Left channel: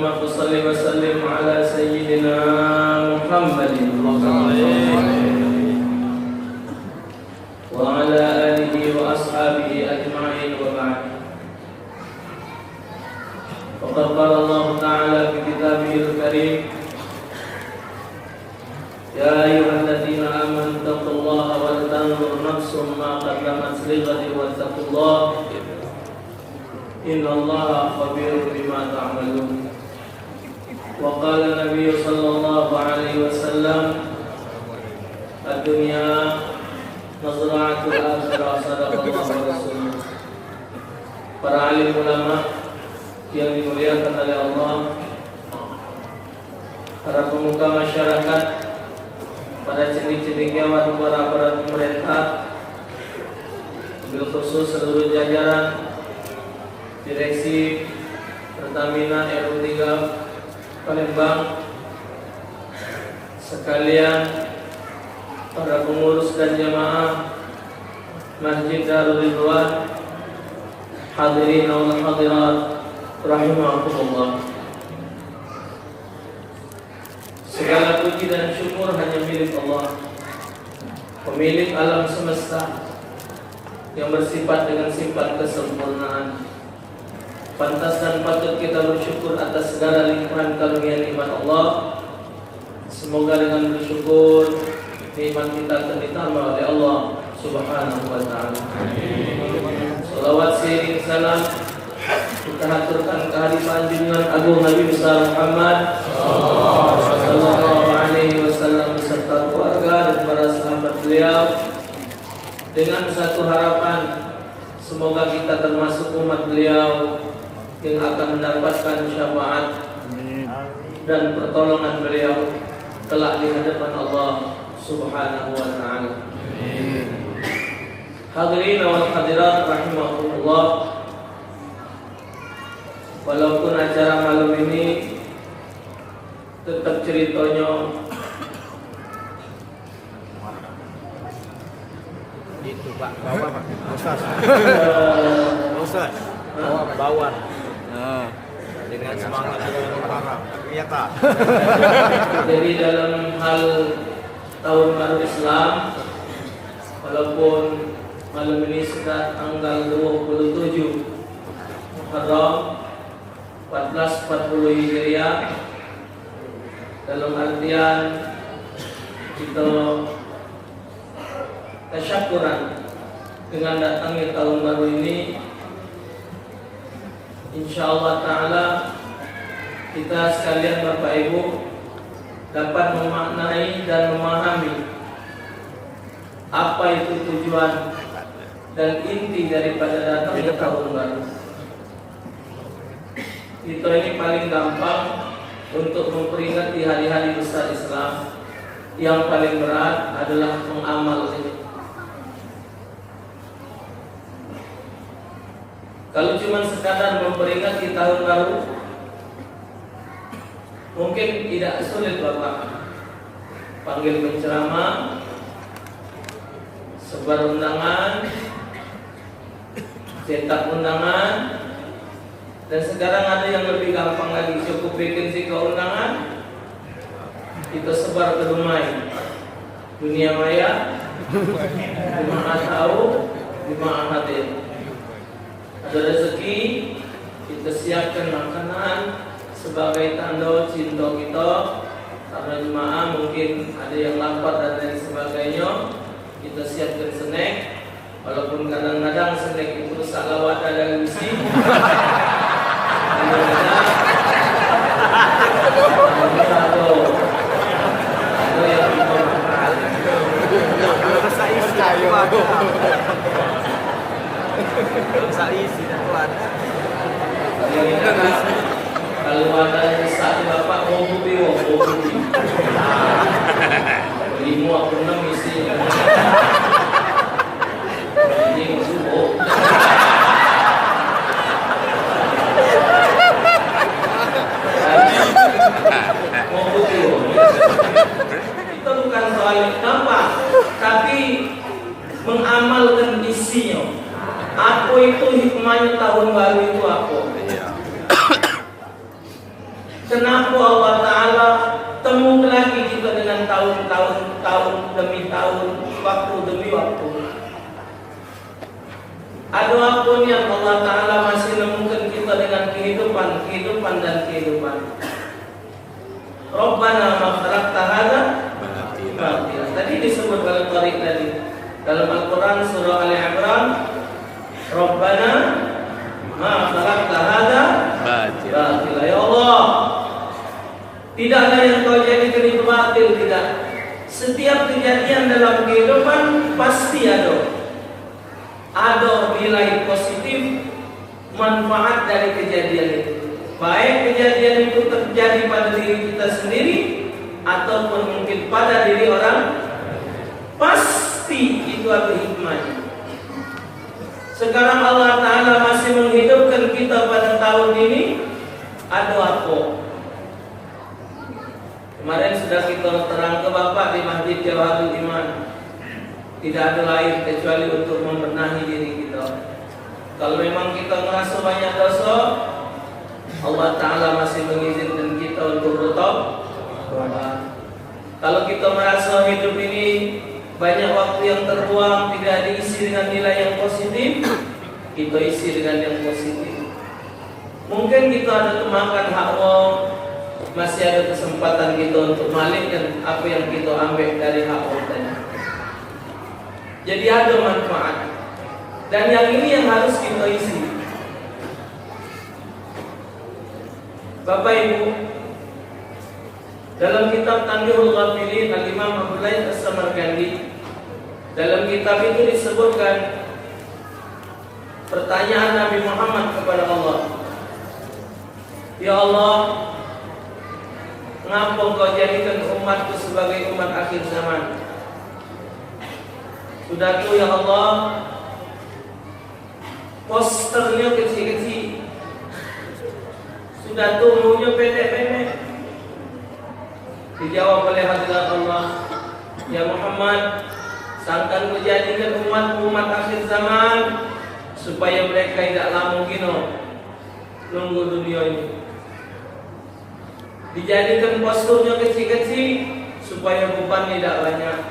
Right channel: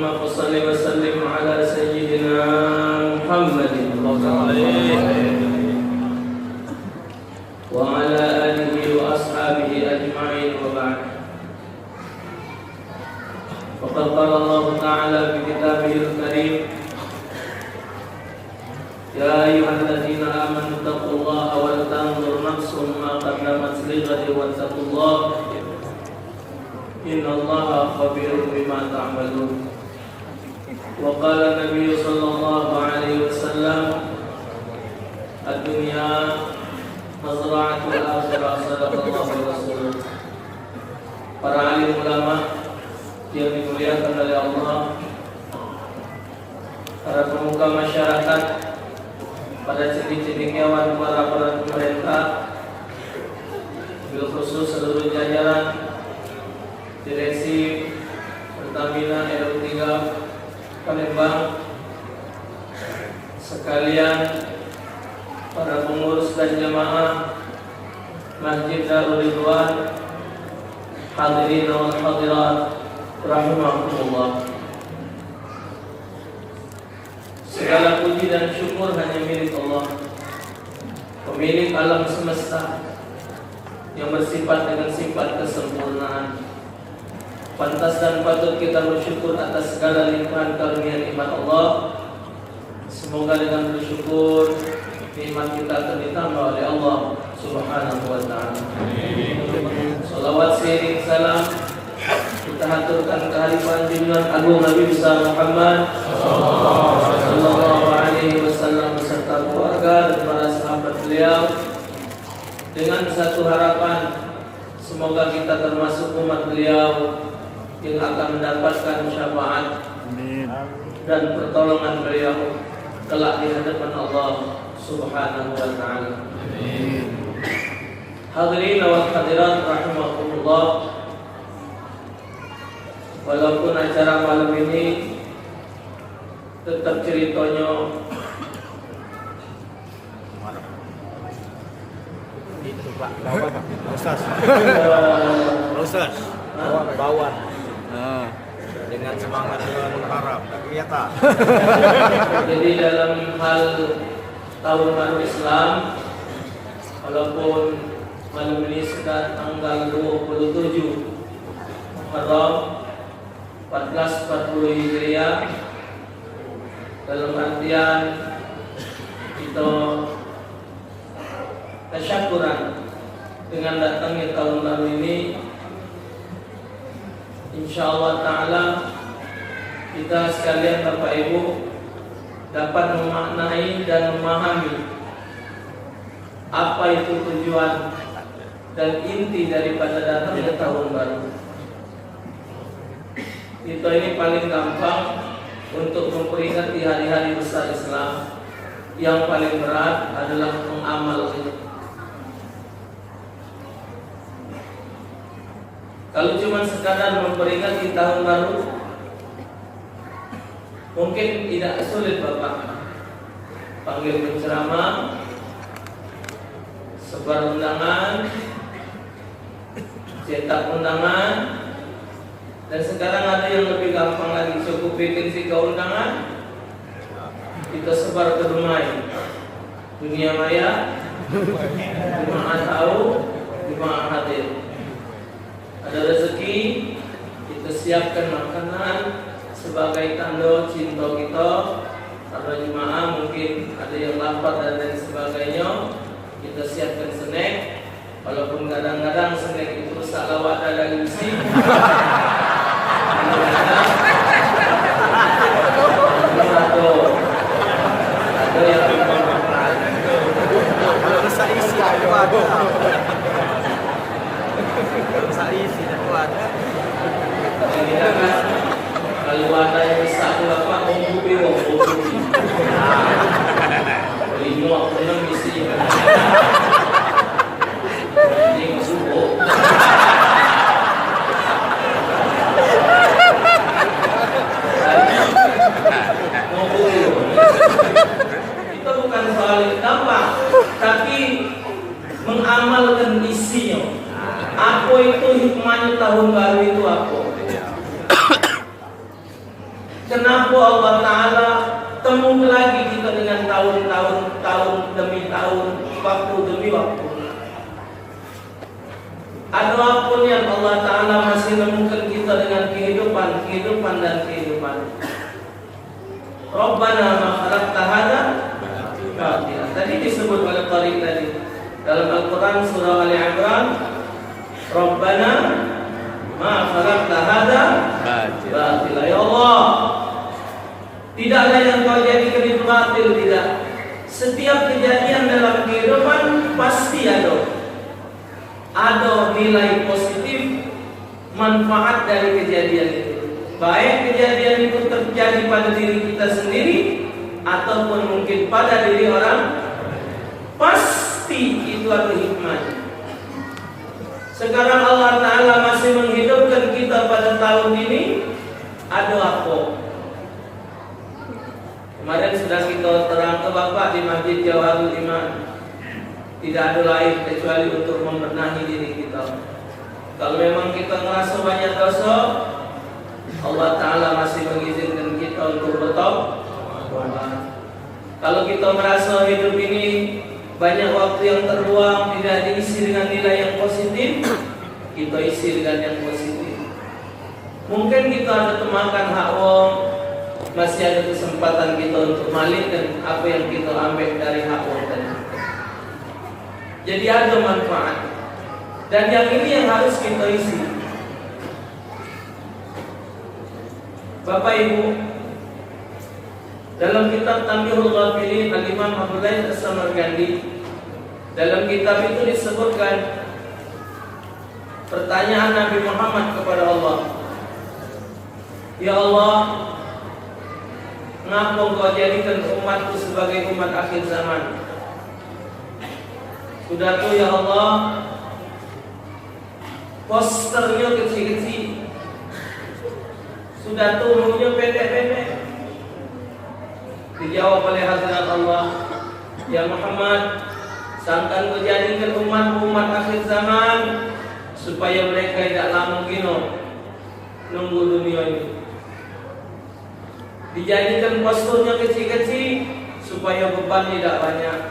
Allahumma shalli wa sallim ala sayyidina Muhammadin wa ala alihi wa ashabihi ajma'in wa ba'd. Faqad qala Allah Ta'ala fi kitabihil karim, ya ayyuhalladzina amanu taqullaha wa la tanzur nafsum ma qaddamat lighadin wattaqullaha innallaha khabirun bima ta'malun. Wa qala Nabi sallallahu alaihi wasallam, ad-dunya mazra'atul akhirah, sadaqallahu wa rasuluh. Para alim ulama yang dimuliakan oleh Allah, para pemuka masyarakat, para cendekiawan, para pemerintah, bil khusus seluruh jajaran Direksi Pertamina RU3 Palembang, sekalian para pengurus dan jemaah Masjid Darul Ridwan, hadirin wal hadirat rahimakumullah. Segala puji dan syukur hanya milik Allah, pemilik alam semesta, yang bersifat dengan sifat kesempurnaan. Pantas dan patut kita bersyukur atas segala limpahan karunia nikmat Allah. Semoga dengan bersyukur nikmat kita akan ditambah oleh Allah Subhanahu wa ta'ala. Salawat seiring salam kita haturkan kehadiran junjungan agung Nabi besar Muhammad sallallahu alaihi wasallam beserta keluarga dan para sahabat beliau, dengan satu harapan, semoga kita termasuk umat beliau yang akan mendapatkan syafaat dan pertolongan beliau kelak di hadapan Allah Subhanahu wa ta'ala. Hadirin wa hadirat rahimakumullah. Walaupun acara malam ini tetap ceritanya itu Pak, bawah Pak. Ustaz. Bawah. Dengan semangat bulan Muharram, ternyata. Jadi dalam hal tahun baru Islam, walaupun malam ini sudah tanggal 27 Muharram 1440 Hijriah, dalam artian kita tasyakuran dengan datangnya tahun baru ini, insyaallah ta'ala kita sekalian Bapak Ibu dapat memaknai dan memahami apa itu tujuan dan inti daripada datangnya tahun baru. Kita ini paling gampang untuk memperingati hari-hari besar Islam. Yang paling berat adalah mengamalkannya. Kalau cuma sekadar memperingati tahun baru, mungkin tidak sulit Bapak. Panggil penceramah, sebar undangan, cetak undangan, dan sekarang ada yang lebih gampang lagi, cukup bikin si undangan, kita sebar ke dunia maya, jemaah tahu, jemaah hadir. Ada rezeki, kita siapkan makanan sebagai tanda cinta kita. Para jemaah mungkin ada yang lapar dan lain sebagainya, kita siapkan snack. Walaupun kadang-kadang snack itu salawat ada isi. Kalau rasa isi itu ada. Kalau rasa isi itu ada. Kalau ada yang besar Bapak mau kopi, lima pernah isi. Ini masuk. Kenapa Allah Ta'ala temu lagi kita dengan tahun demi tahun, waktu demi waktu? Ada apa yang Allah Ta'ala masih nemukan kita dengan kehidupan dan kehidupan. Rabbana ma khalaqta hadza batila. Tadi disebut oleh Tariq tadi dalam Al-Quran surah Ali Imran, Rabbana ma khalaqta hadza batila. Ya Allah, tidak ada yang kau jadikan itu batil, tidak. Setiap kejadian dalam kehidupan pasti ada nilai positif, manfaat dari kejadian itu. Baik kejadian itu terjadi pada diri kita sendiri ataupun mungkin pada diri orang, pasti itu ada hikmahnya. Sekarang Allah Ta'ala masih menghidupkan kita pada tahun ini, ada apa? Kemarin sudah kita terang ke Bapak di Masjid Jawharul Iman. Tidak ada lain kecuali untuk membenahi diri kita. Kalau memang kita merasa banyak dosa, Allah Ta'ala masih mengizinkan kita untuk bertobat. Kalau kita merasa hidup ini banyak waktu yang terbuang, tidak diisi dengan nilai yang positif, kita isi dengan yang positif. Mungkin kita ada kemakan hak orang, masih ada kesempatan kita untuk malikkan apa yang kita ambil dari hak orang tadi. Jadi ada manfaat. Dan yang ini yang harus kita isi. Bapak Ibu, dalam kitab Tanbihul Ghafilin Al-Imam Abu Laith As-Samarqandi, dalam kitab itu disebutkan pertanyaan Nabi Muhammad kepada Allah. Ya Allah, ngapa Engkau jadikan umatku sebagai umat akhir zaman? Sudah tuh ya Allah, posternya kecil-kecil, sudah tuh umurnya pendek-pendek. Dijawab oleh hadirat Allah, ya Muhammad, sangkan Kau jadikan umat akhir zaman supaya mereka tidak lama nunggu dunia ini. Dijadikan posturnya kecil-kecil supaya beban tidak banyak.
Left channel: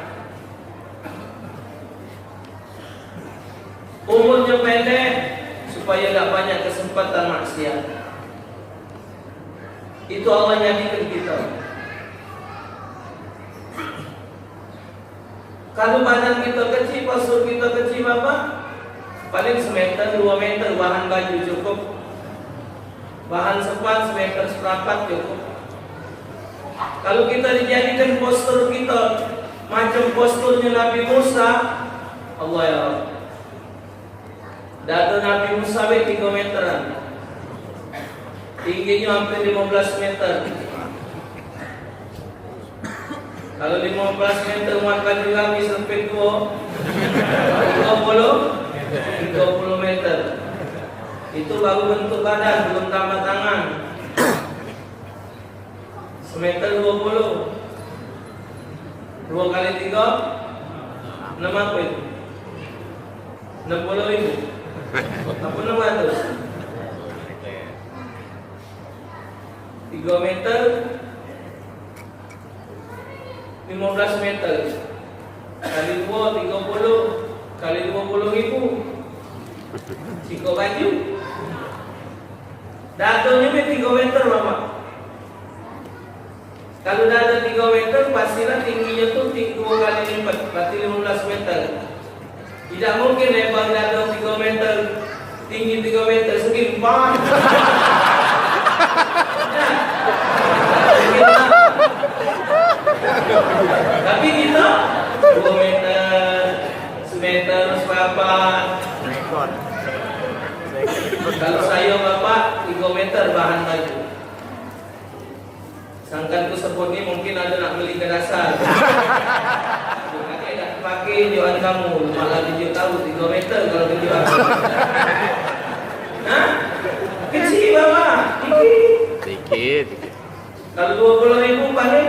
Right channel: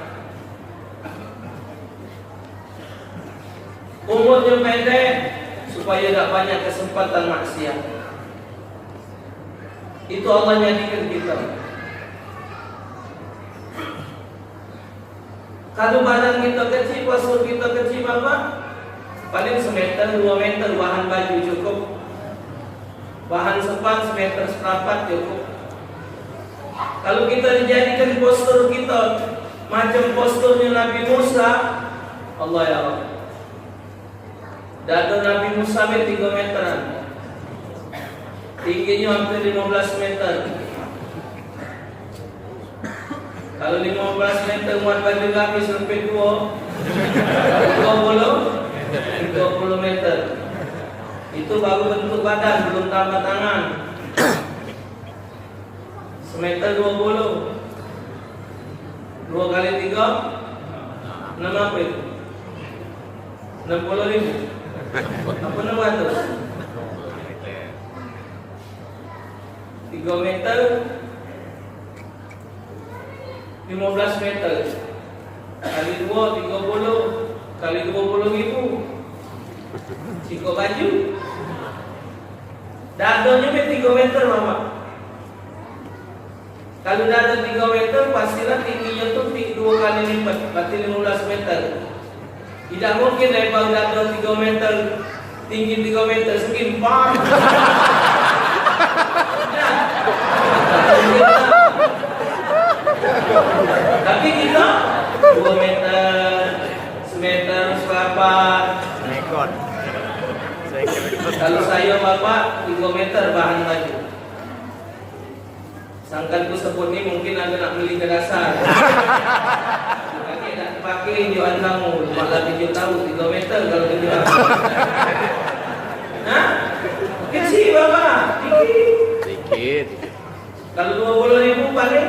Umurnya pendek supaya tidak banyak kesempatan maksiat. Itu Allah jadikan kita. Kalau badan kita kecil, postur kita kecil, Bapak, paling semeter 2 meter bahan baju cukup. Bahan sepat semeter seperempat cukup. Kalau kita dijadikan postur kita macam posturnya Nabi Musa, Allah ya Allah, dada Nabi Musa 3 meteran, tingginya hampir 15 meter. Kalau 15 meter muat baju Nabi sampai 20 meter. Itu baru bentuk badan, belum tambah tangan. Semeter 20, 2 kali 3, 6 apa itu? 60.000. Apa 600? 3 meter, 15 meter. Kali 2, 30. Kali 20.000. Siko baju. Dadanya 3 meter, Bapak. Kalau dada 3 meter, pastilah tingginya tuh 2 kali lipat, berarti 15 meter. Tidak mungkin lebar dada 3 meter, tinggi 3 meter, segini bang. Tapi kita 2 meter, semeter, sepapan. Kalau saya Bapak 3 meter bahan baju. Sangkan ku sebut ni mungkin ada nak beli ke dasar. Pakai tak pakai jual kamu, malah video tahu 3 meter kalau dijual. Hah? Kecil Bapak, dikit. Kalau 20.000 paling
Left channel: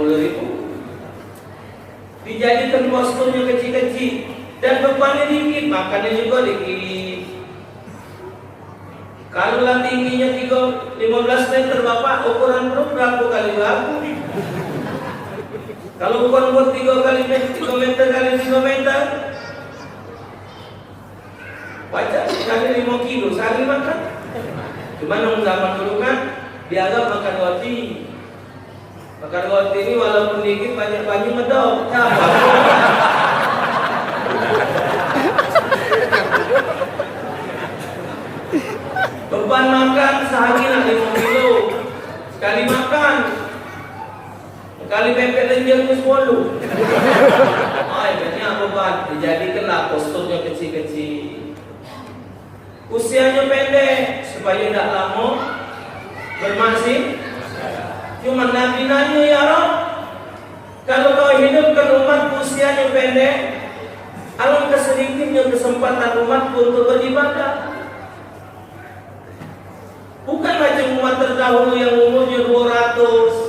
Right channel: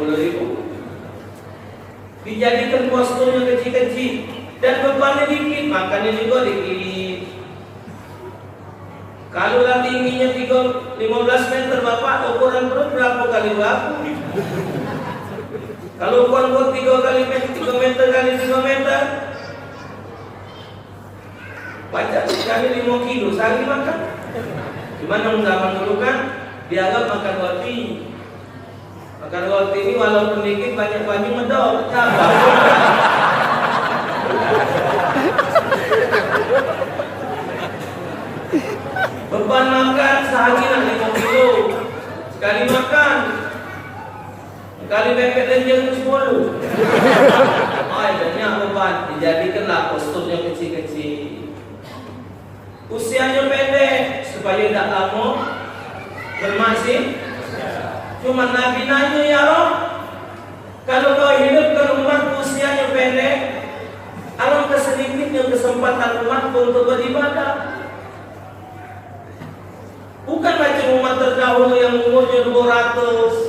60.000. Dijadikan posturnya kecil-kecil dan bebannya dikit, makannya juga dikit. Kalau lah tingginya 15 meter Bapak, ukuran Kalau ukuran buat 3 meter kali 3 meter, baca kali 5 kilo sehari makan. Cuma yang zaman dulu kan dianggap makan roti. Makan roti ini walaupun dikit banyak banyu medok. Beban makan sehari 5 kilo sekali makan. Kali pepet lenjang itu 10. Ay, banyak beban. Dijadikanlah posturnya kecil-kecil. Usianya pendek supaya tidak lama bermasih. Cuma Nabi nanya, ya Rob, kalau kau hidupkan umatku usianya pendek, alangkah sedikitnya kesempatan umatku untuk beribadah. Bukan macam umat terdahulu yang umurnya 200,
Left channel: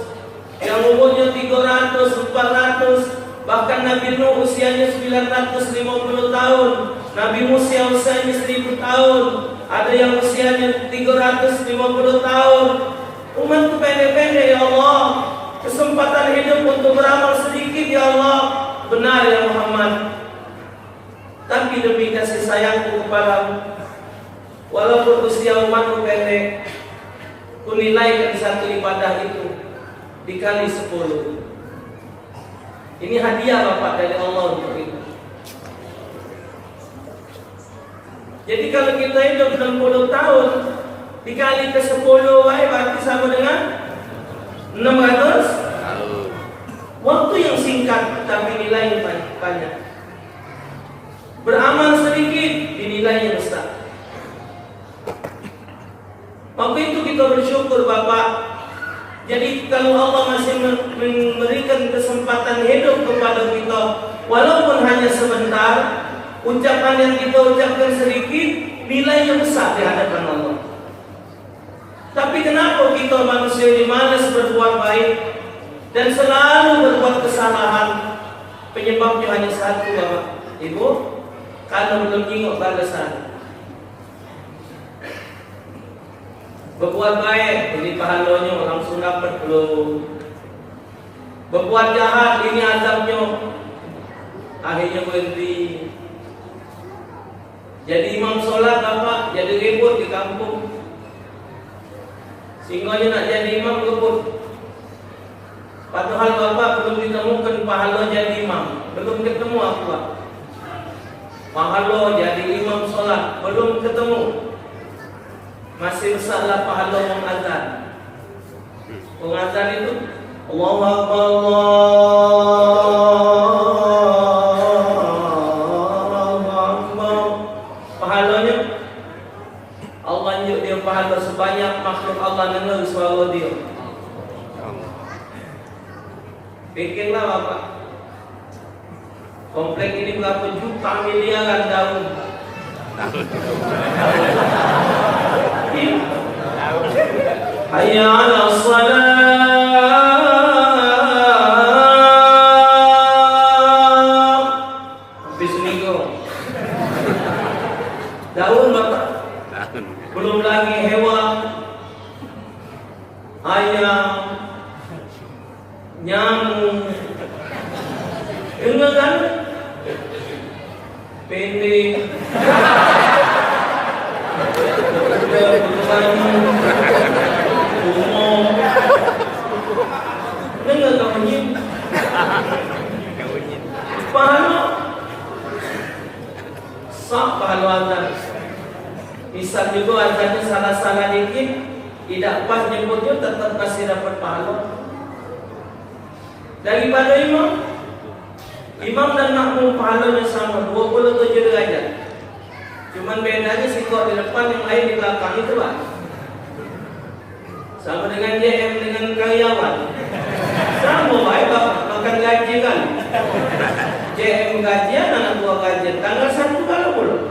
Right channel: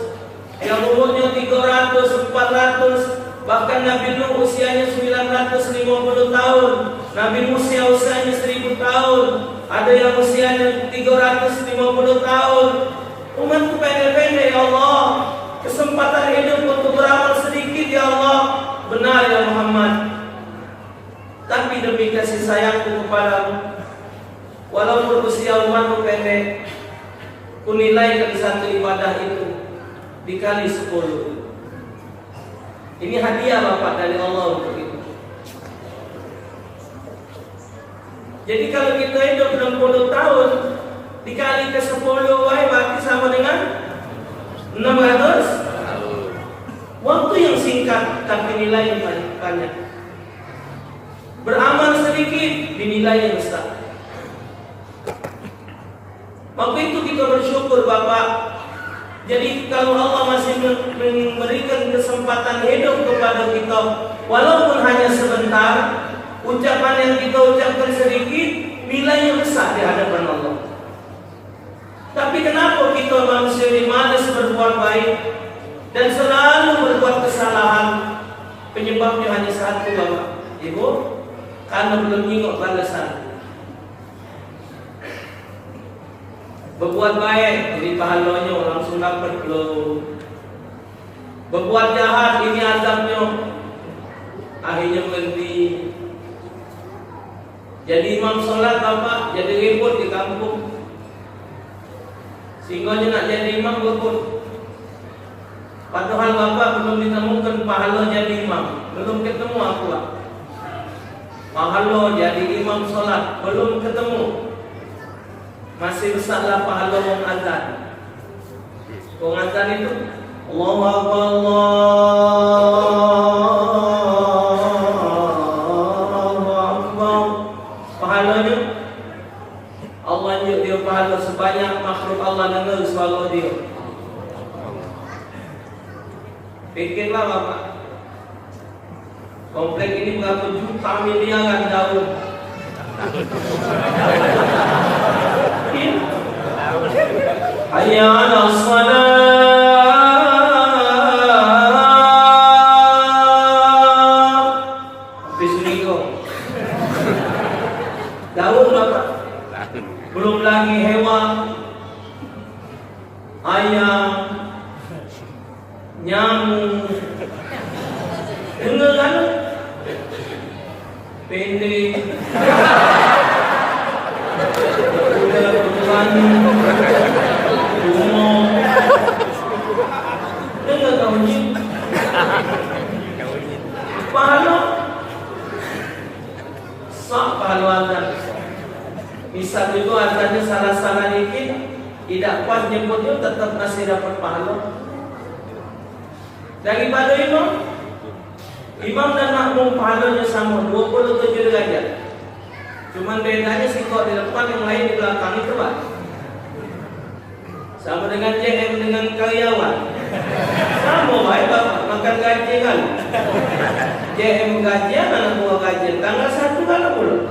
yang umurnya 300, 400, bahkan Nabi Nuh usianya 950 tahun, Nabi Musa usianya 1000 tahun, ada yang usianya 350 tahun. Umatku pendek-pendek ya Allah, kesempatan hidup untuk beramal sedikit ya Allah. Benar ya Muhammad, tapi demi kasih sayangku kepadamu, walaupun usia umatku pendek, kunilai satu ibadah itu dikali 10. Ini hadiah Bapak dari Allah untuk itu. Jadi kalau kita hidup 60 tahun dikali ke 10 berarti sama dengan 600. Waktu yang singkat tapi nilai yang banyak. Beramal sedikit dinilai besar. Waktu itu kita bersyukur Bapak. Jadi kalau Allah masih memberikan kesempatan hidup kepada kita, walaupun hanya sebentar, ucapan yang kita ucapkan sedikit, nilainya besar di hadapan Allah. Tapi kenapa kita manusia ini malas berbuat baik dan selalu berbuat kesalahan? Penyebabnya hanya satu Bapak Ibu, karena belum ingat balasan. Berbuat baik, ini pahalanya langsung dapat belum. Berbuat jahat, ini azabnya akhirnya berhenti. Jadi imam sholat Bapak, jadi ribut di kampung. Sehingga nak jadi imam ribut. Padahal Bapak belum ditemukan pahala jadi imam. Belum ketemu aku Pak. Pahala jadi imam sholat belum ketemu. Masih besarlah pahala mengazan. Mengazan itu Allahu Akbar, Allahu Akbar. Pahalanya Allah nyuk dia pahala sebanyak makhluk Allah dengar suara dia. Pikirlah Bapak, komplek ini berapa juta miliaran daun. Hayya 'ala shalah. Bismillah. Daun Bapak. Belum lagi hewan, ayam, nyamuk. Dengar kan? Pendek. Dengar bunyi. Pahala sah pahala azan. Misal juga azannya salah-salah dikit, tidak pas nyebutnya tetap masih dapat pahala. Daripada imam dan makmum pahalanya sama 27 derajat. Cuman bedanya si kok di depan yang lain di belakang itu Pak. Sama dengan JM dengan karyawan. Sama baik Bapak makan gaji kan. JM gajian, anak buah gajian tanggal 1 kan belum.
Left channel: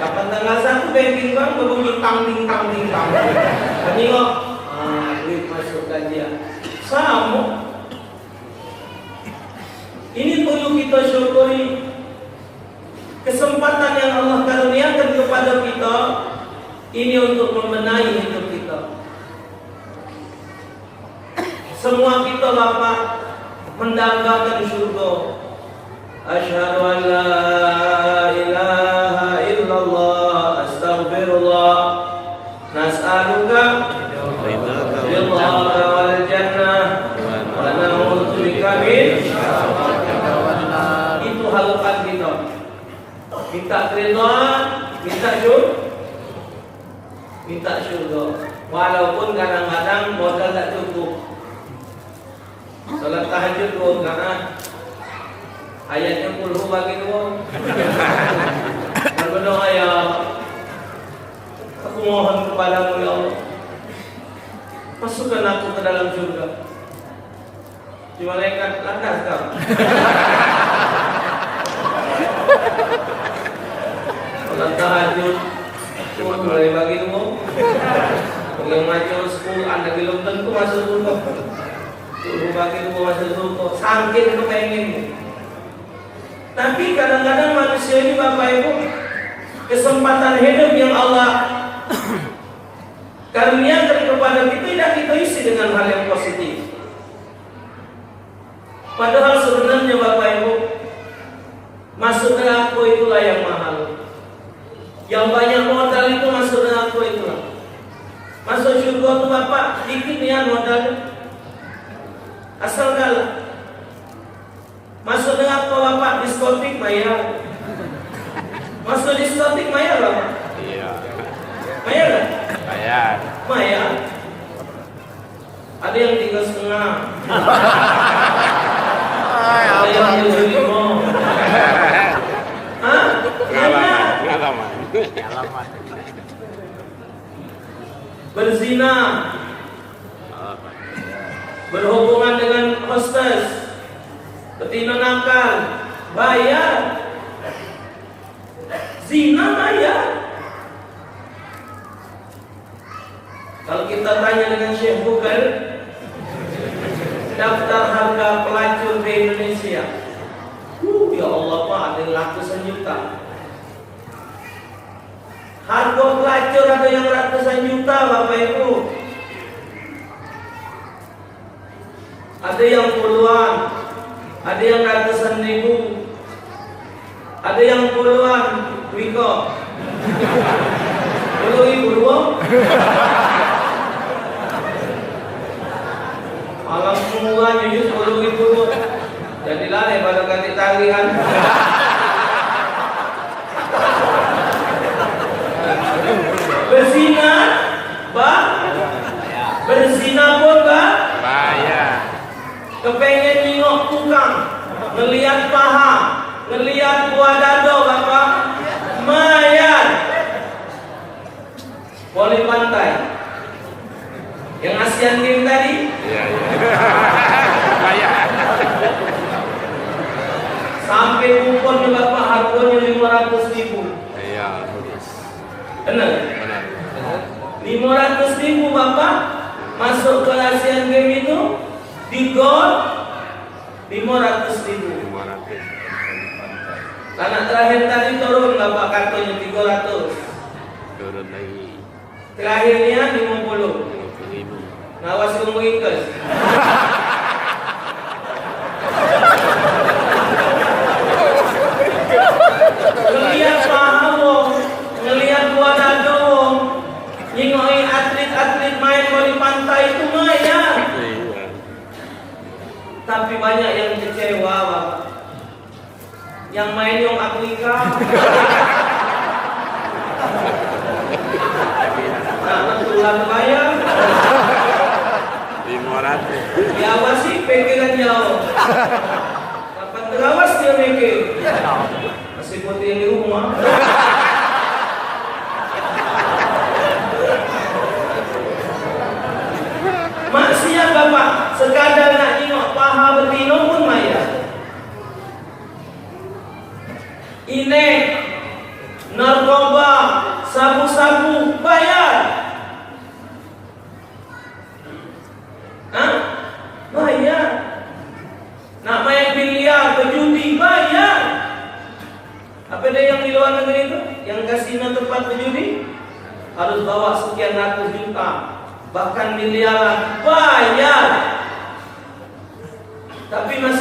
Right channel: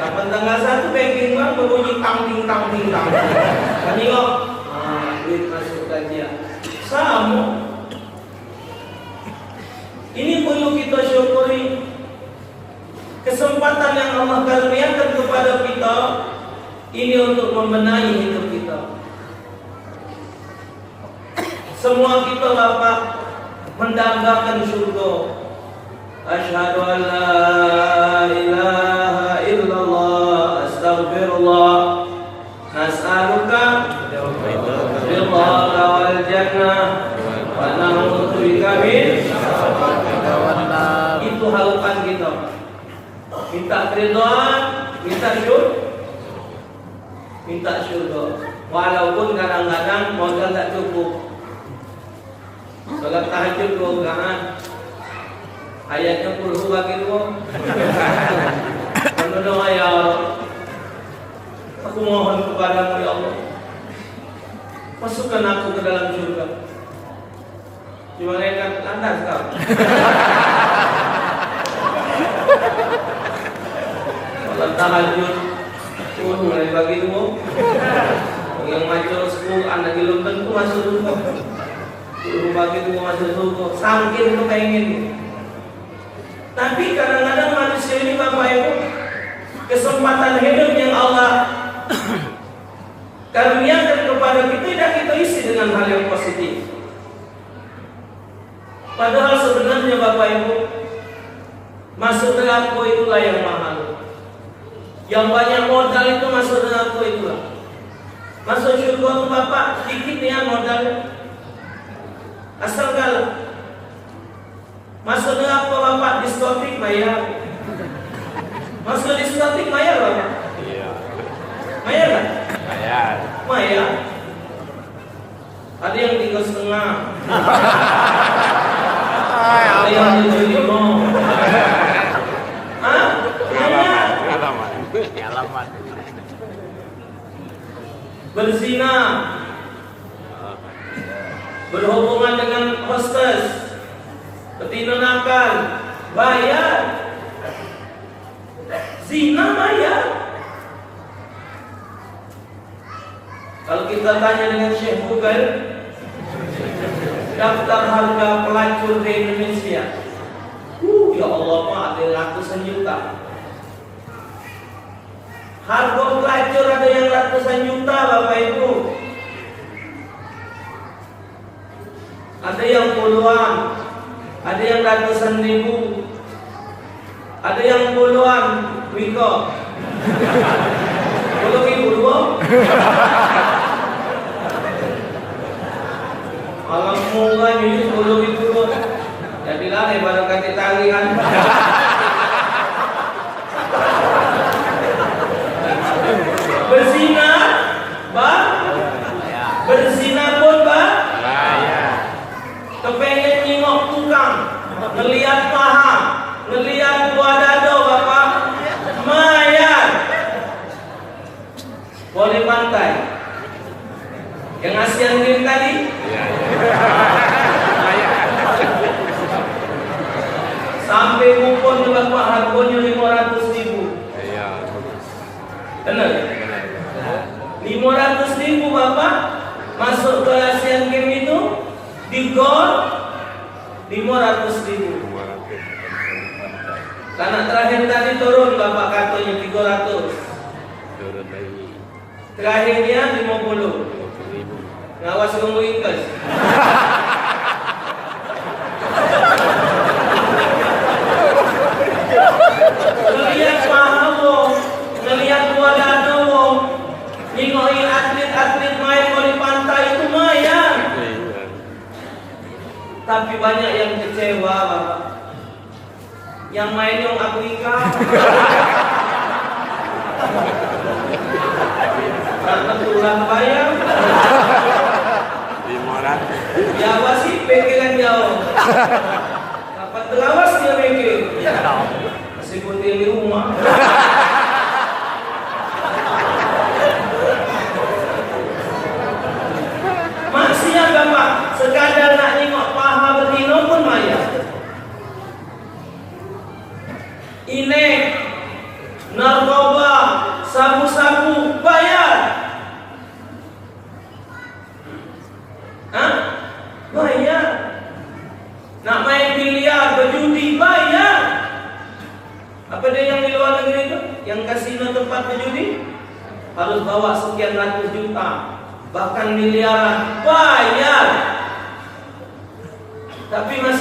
Kapan tanggal 1 banking bank berbunyi tang-ting. Kami kok duit masuk gajian. Sama. Ini perlu kita syukuri. Kesempatan yang Allah karuniakan kepada kita ini untuk membenahi hidup kita. Semua kita Bapak mendambakan surga. Asyhadu an la ilaha illallah astaghfirullah nas'aluka ridhaka wal jannah wa na'udzu bika min itu harapan kita. Minta keridhaan, minta syurga. Walaupun kadang-kadang modal tak cukup. Salat tahajud pun kan ayatnya puluh bagi dua. Berdoa ya, aku mohon kepadamu ya Allah, masukkan aku ke dalam surga. Di malaikat landas kau. Salat tahajud pun mulai bagi dua. Yang macam 10 anak belum tentu masuk surga. Puluh bagi dua masuk surga. Saking pengen. Tapi kadang-kadang manusia ini Bapak Ibu, kesempatan hidup yang Allah karuniakan kepada kita tidak kita isi dengan hal yang positif. Padahal sebenarnya Bapak Ibu, masuk neraka itulah yang mahal. Yang banyak modal itu masuk neraka itulah. Masuk surga itu Bapak sedikit ya modal. Asal kalah. Masuk neraka Bapak diskotik bayar. Masuk diskotik bayar Bapak. Iya. Bayar kan? Bayar. Bayar. Ada yang 3,5. Ada yang 7,5. Hah? Iya. Alamat. Berzina, berhubungan dengan hostess, betina nakal, bayar. Zina bayar. Kalau kita tanya dengan Syekh Google, daftar harga pelacur di Indonesia, ya Allah Pak, ada ratusan juta. Harga pelacur ada yang ratusan juta Bapak Ibu. Ada yang puluhan, ada yang ratusan ribu, ada yang puluhan. Wiko 10.000 dong. Alam mula nyunyut 10.000. Jadilah daripada ganti talian. Berzina, Pak. Berzina pun, Pak. Kepengen nyingok tukang, ngelihat paha, ngelihat buah dado, Bapak. Mayar. Boleh pantai. Yang Asian Games tadi. Sampai kupon Bapak harganya 500.000. Benar? 500.000 Bapak masuk ke Asian Games itu di gol 500.000. Karena terakhir tadi turun Bapak kartunya 300. Turun lagi. Terakhirnya 50. Ngawas kemurikas. Ngelihat pahawo, ngelihat buah dado, ningoin atlet-atlet main di pantai itu lumayan. Tapi banyak yang kecewa Bapak. Yang main yang Afrika. Karena tulang ayam. 500. Biasa sih pegangan jauh. Kapan terawas dia pegang. Masih putih di rumah. Maksiat Bapak, sekadar nak nengok paha betina pun bayar. Ini narkoba, sabu-sabu bayar. Hah? Bayar. Nak main biliar, berjudi bayar. Apa dia yang di luar negeri itu? Yang kasino tempat berjudi harus bawa sekian ratus juta, bahkan miliaran, bayar. Tapi masih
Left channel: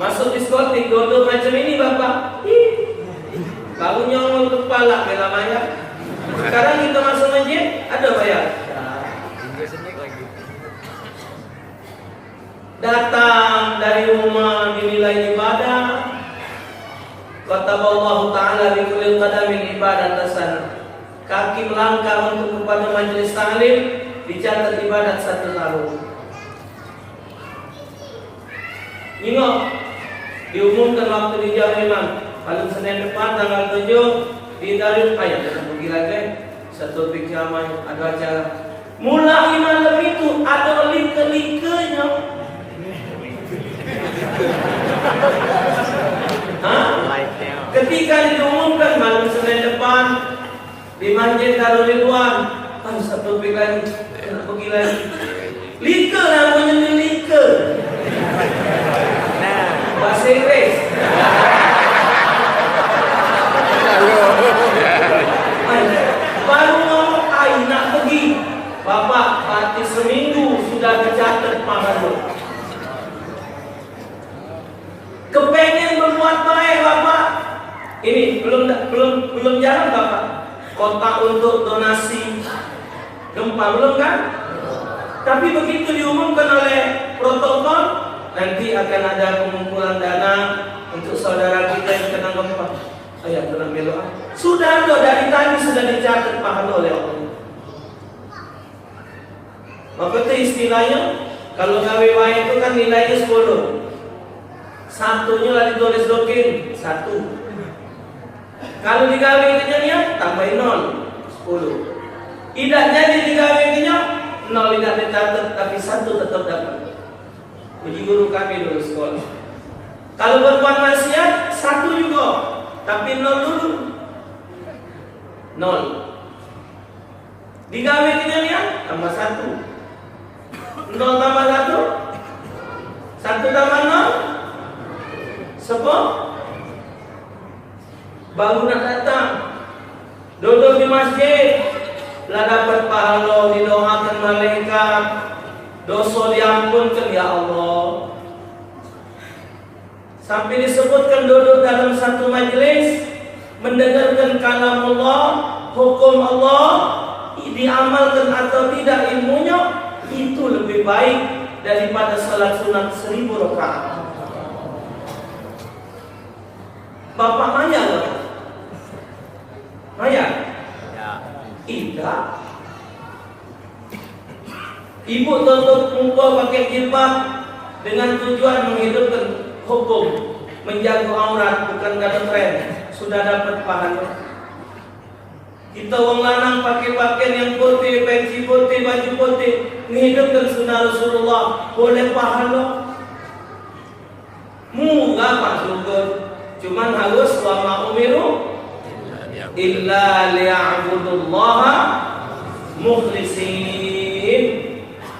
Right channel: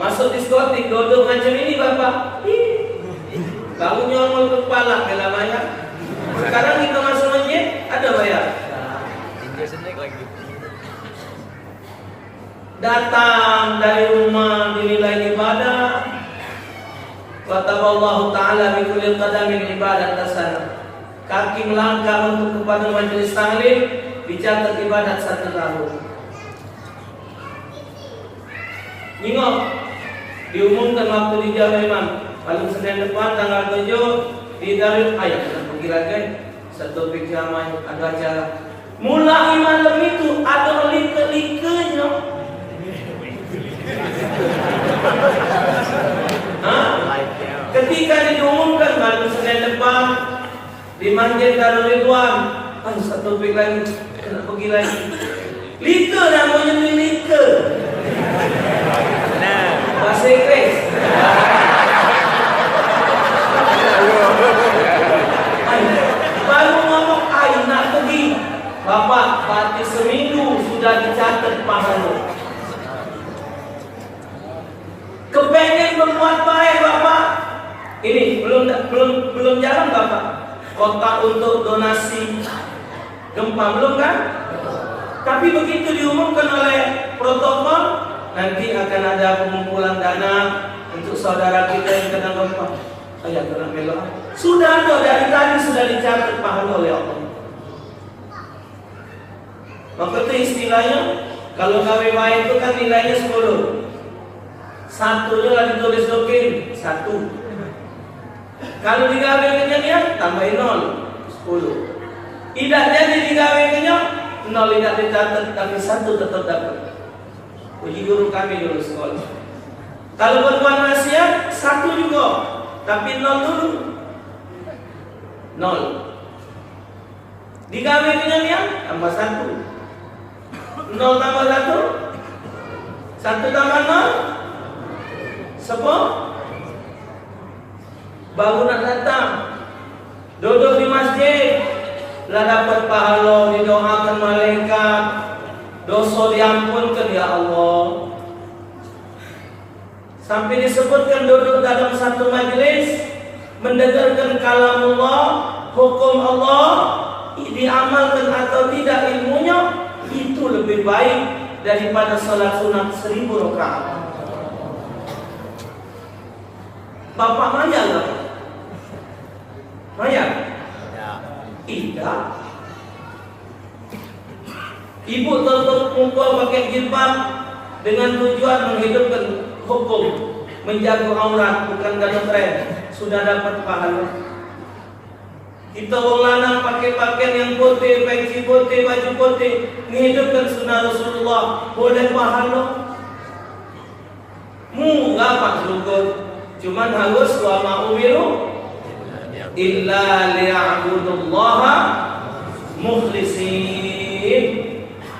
Masuk diskotik, duduk macam ini bapak. Baru nyolong kepala bela bayar. Sekarang kita masuk masjid, ada bayar. Datang dari rumah dinilai ibadah. Kata Allah Ta'ala bi kulli qadamin ibadah tasana. Kaki melangkah untuk kepada majelis tahlil dicatat ibadat 1 tahun. Nyingok diumumkan waktu di Jawa Imam pada Senin depan tanggal 7 di Darul Ayat. Pergi lagi satu pijamah ada acara. Mulai malam itu ada like-likenya. Ketika diumumkan malam Senin depan di Masjid Darul Ridwan, satu pik lagi, pergi lagi. Like namanya like. Bahasa Inggris. Baru ngomong nak pergi. Bapak, pasti seminggu sudah dicatat pahala. Kepengen membuat baik bapak. Ini belum jalan bapak. Kotak untuk donasi gempa belum kan? Tapi begitu diumumkan oleh protokol, nanti akan ada pengumpulan dana untuk saudara kita yang kena gempa. Ayah kena melok. Sudah ada dari tadi sudah dicatat pahala oleh Allah. Maka itu istilahnya kalau gawe baik itu kan nilainya 10. Satunya lah ditulis dokin 1. Kalau digawe kenyang tambahin 0 10. Tidak jadi digawe kenyang 0 tidak dicatat tapi 1 tetap dapat. Uji guru kami dulu sekolah. Kalau berbuat maksiat 1 juga, tapi 0 dulu. 0. Digawe kenyang tambah 1. 0 tambah 1 1 tambah 0 10. Baru nak datang duduk di masjid lah dapat pahala, didoakan malaikat, dosa diampunkan ya Allah. Sampai disebutkan duduk dalam satu majlis mendengarkan kalam Allah, hukum Allah, diamalkan atau tidak ilmunya, itu lebih baik daripada salat sunat 1000 rakaat. Bapak maya nggak? Maya? Tidak. Ibu tutup muka pakai jilbab dengan tujuan menghidupkan hukum, menjaga aurat, bukan gada tren. Sudah dapat pahala. Kita orang lanang pakai pakaian yang putih, peci putih, baju putih, menghidupkan sunnah Rasulullah, boleh pahala. Murah Pak Syukur. Cuman harus wa ma'umiru illa liya'budullaha mukhlisin.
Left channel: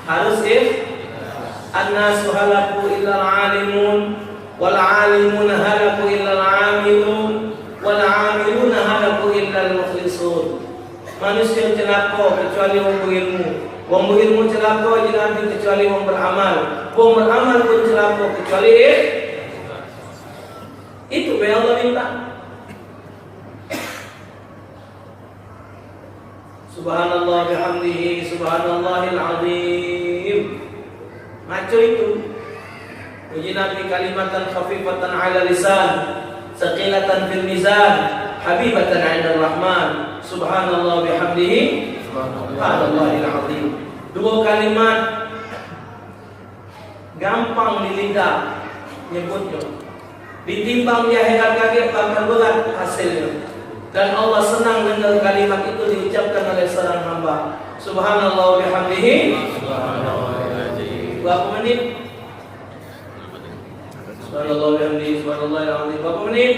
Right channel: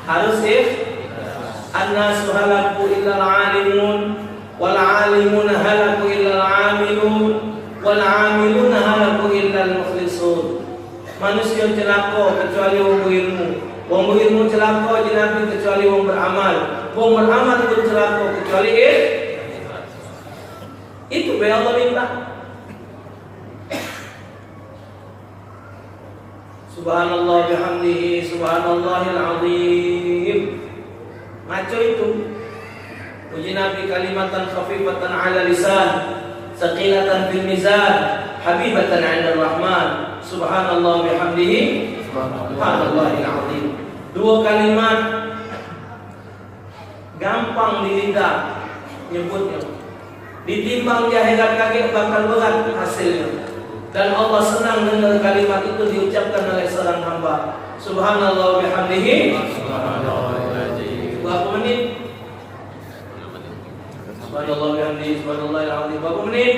Harus annasu halaku illa al-alimun wal alimuna halaku illa al-amilun wal amiluna halaku illa al-mukhlisun. Manusia celaka kecuali wong berilmu. Wong berilmu celaka kecuali wong beramal. Wong beramal pun celaka kecuali itu yang Allah minta. Subhanallah bihamdihi subhanallahil azim. Maco itu. Puji Nabi kalimatan khafifatan ala lisan, saqilatan fil mizan, habibatan 'inda rahman. Subhanallah bihamdihi subhanallahil azim. Dua kalimat gampang di lidah nyebutnya. Ditimbang di akhirat kaki bakal berat hasilnya. Dan Allah senang dengar kalimat itu diucapkan oleh seorang hamba. Subhanallah bihamdihi. Berapa menit? Subhanallah bihamdihi subhanallahil azim. Berapa menit?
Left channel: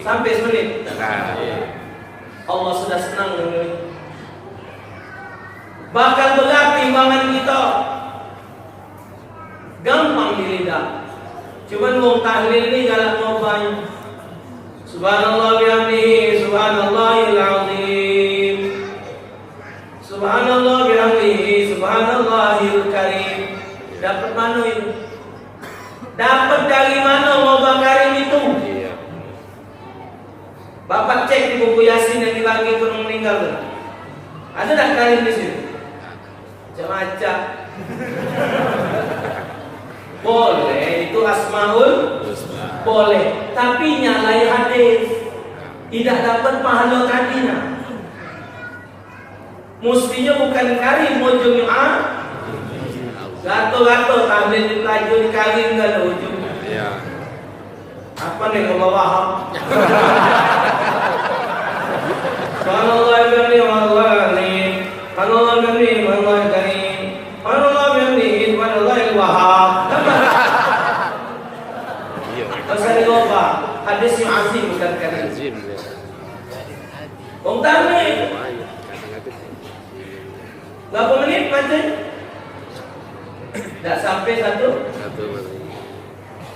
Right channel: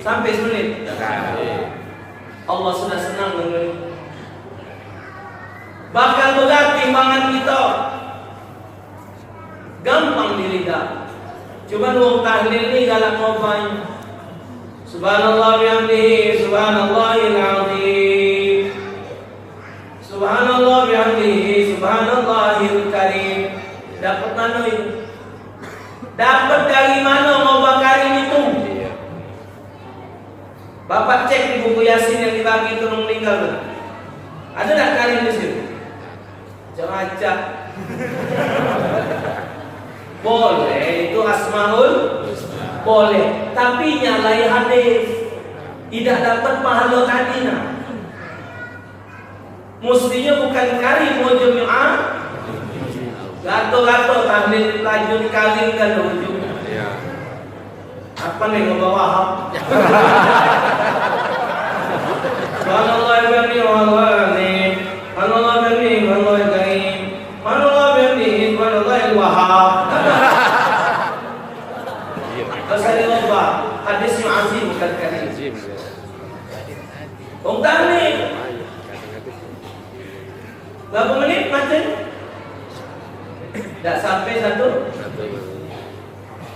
Sampai semenit. Allah sudah senang dengar itu. Bakal berat timbangan kita. Gampang di lidah. Cuman wong tahlil ni galak ngobain. Subhanallah bihamdihi subhanallahil azim. Subhanallah bihamdihi subhanallahil karim. Dapat mana itu? Bapak cek di buku Yasin yang dibagi ke orang meninggal tuh. Ada tak Karim di situ? Macam-macam. Boleh, itu asmaul boleh, tapi nyalai hadis. Tidak dapat pahala kadina. Mestinya bukan Karim mau Jumat. Gato-gato tahlil laju dikagin kalau ujung. Iya. Apa nih ke bawah? Allah beri Allah ni, Allah beri Allah karim, Allah beri Allah wahab. Rasanya apa? Hadis yang azim bukan karim. Azim. Ongtang ni. Berapa menit macam? Tak sampai satu.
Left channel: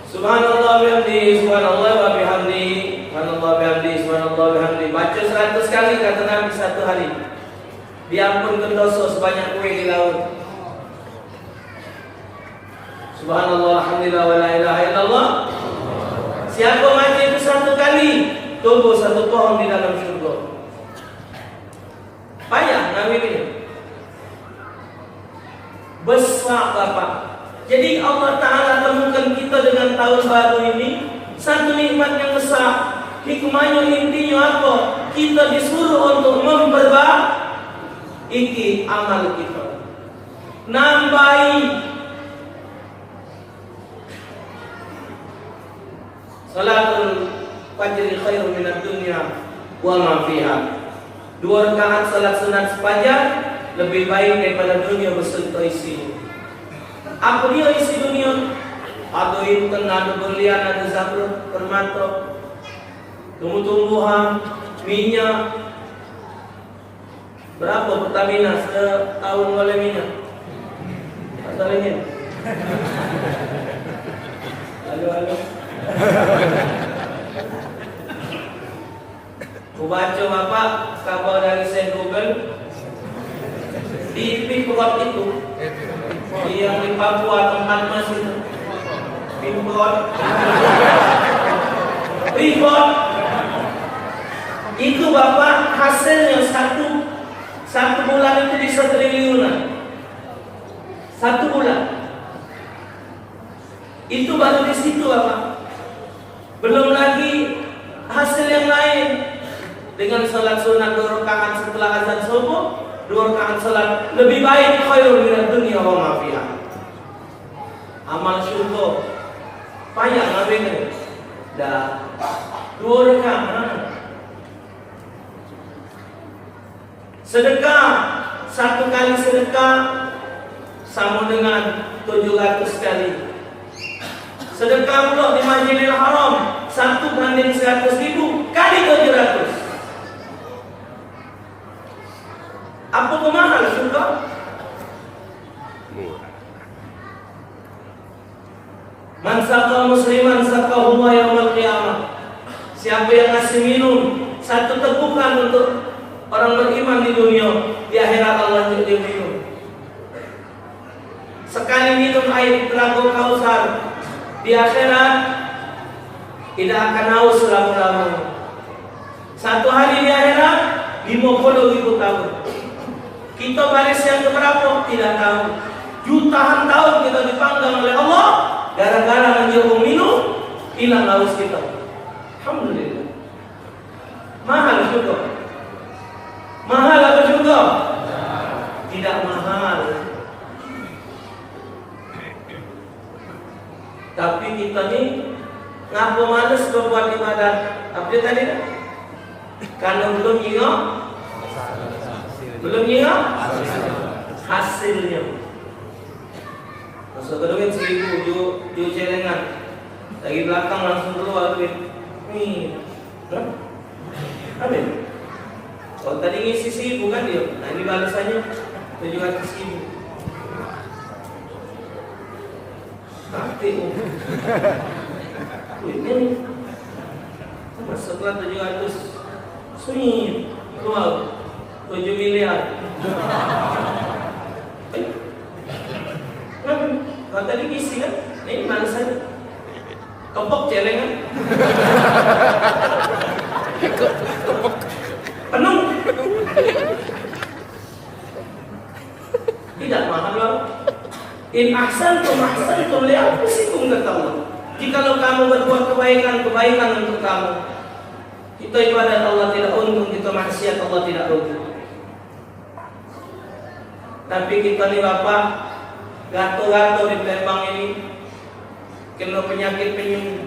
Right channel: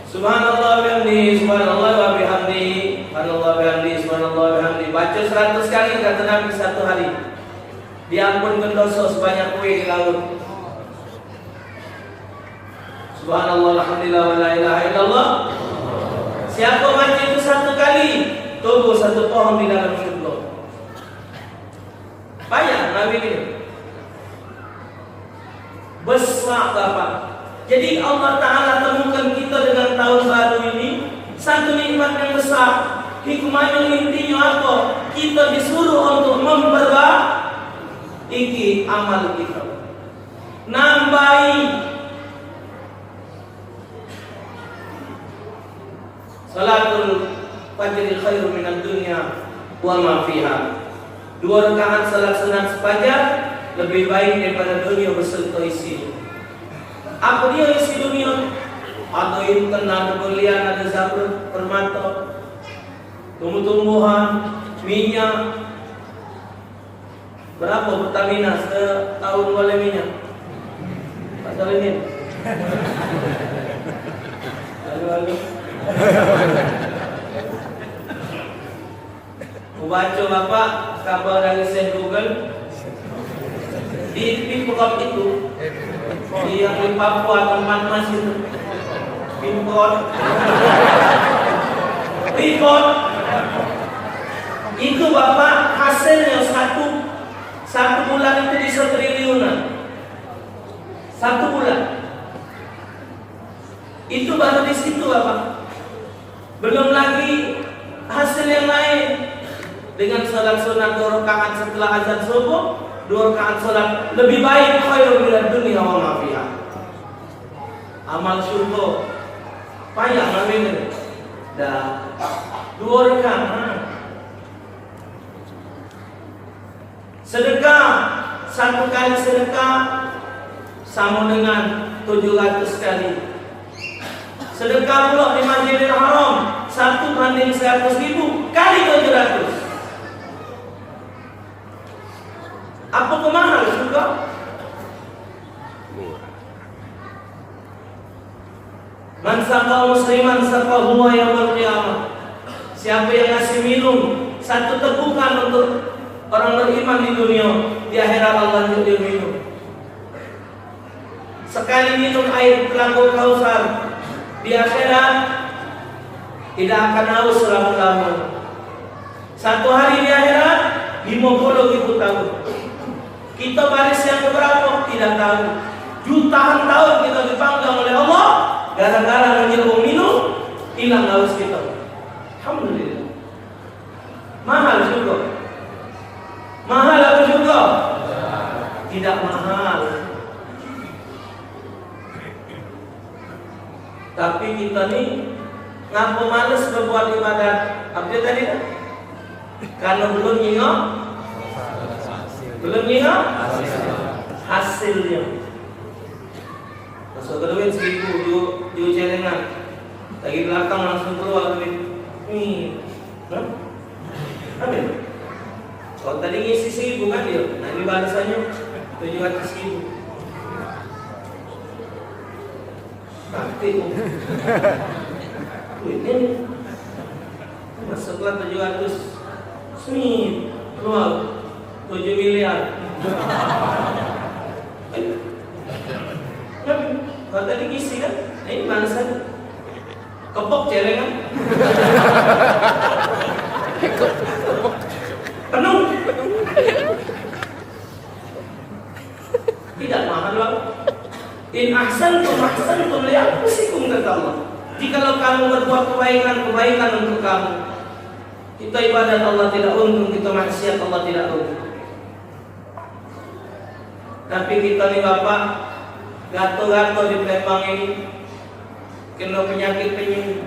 Subhanallah bihamdi, subhanallah wa bihamdi, subhanallah bihamdi, subhanallah bihamdi. Baca 100 kali kata Nabi satu hari. Diampunkan dosa sebanyak kue di laut. Subhanallah, alhamdulillah, wa la ilaha illallah. Siapa baca itu satu kali, tumbuh satu pohon di dalam syurga. Payah Nabi ini. Besar Bapak. Jadi Allah Ta'ala temukan kita dengan tahun baru ini satu nikmat yang besar. Hikmahnya intinya apa? Kita disuruh untuk memperbaiki amal kita, nambahi. Salatul fajr khairum minad dunya wa ma fiha. 2 rakaat salat sunat sefajar lebih baik daripada dunia beserta isi. Apa dia isi dunia? Ada intan, ada berlian, ada zamrud, permata, tumbuh-tumbuhan, minyak. Berapa Pertamina setahun boleh minyak? Pasal ini. Halo. Mau baca Bapak kabar dari Syekh Google. Di Pimkot itu, yang di Papua tempat Mas itu, Pimkot itu Bapak hasilnya satu bulan itu di 1 triliunan. 1 bulan itu baru di situ Bapak. Belum lagi hasil yang lain dengan salat sunat 2 rakaat setelah azan subuh. 2 rakaat salat lebih baik khairu minad dunya wa ma fiha. Amal syurga payah Nabi dah 2 rakaat. Sedekah 1 kali sedekah sama dengan 700 kali. Sedekah pula di Masjidil Haram 1 banding 100.000 kali 700. Apa kemahal syurga? Man saqa musliman saqahu wa yaumil qiyamah. Siapa yang ngasih minum 1 tegukan untuk orang beriman di dunia, di akhirat Allah juga dia minum. Sekali minum air telaga Kausar, di akhirat tidak akan haus selama-lamanya. 1 hari di akhirat 50.000 tahun. Kita baris yang keberapa? Tidak tahu. Jutaan tahun kita dipanggang oleh Allah gara-gara menjauh minum, hilang haus kita. Alhamdulillah. Mahal juga. Mahal apa juga? Tidak mahal. Tapi kita nih ngapa males berbuat ibadat? Apa dia tadi dah? Karena belum ingat hasilnya. Masuk ke duit 1.000 di celengan, lagi belakang langsung keluar duit. Nih, apa? Kalau tadi ngisi 1.000 kan dia, nah ini balasannya 700.000. Pasti duitnya nih masuklah 700, sweet, keluar 7 miliar. Kalau tadi ngisi kan, nah ini balasannya kepok celengan. Kita ibadat Allah tidak untung, kita maksiat Allah tidak untung. Tapi kita nih Bapak, gato-gato di Palembang ini kena penyakit penyunggang.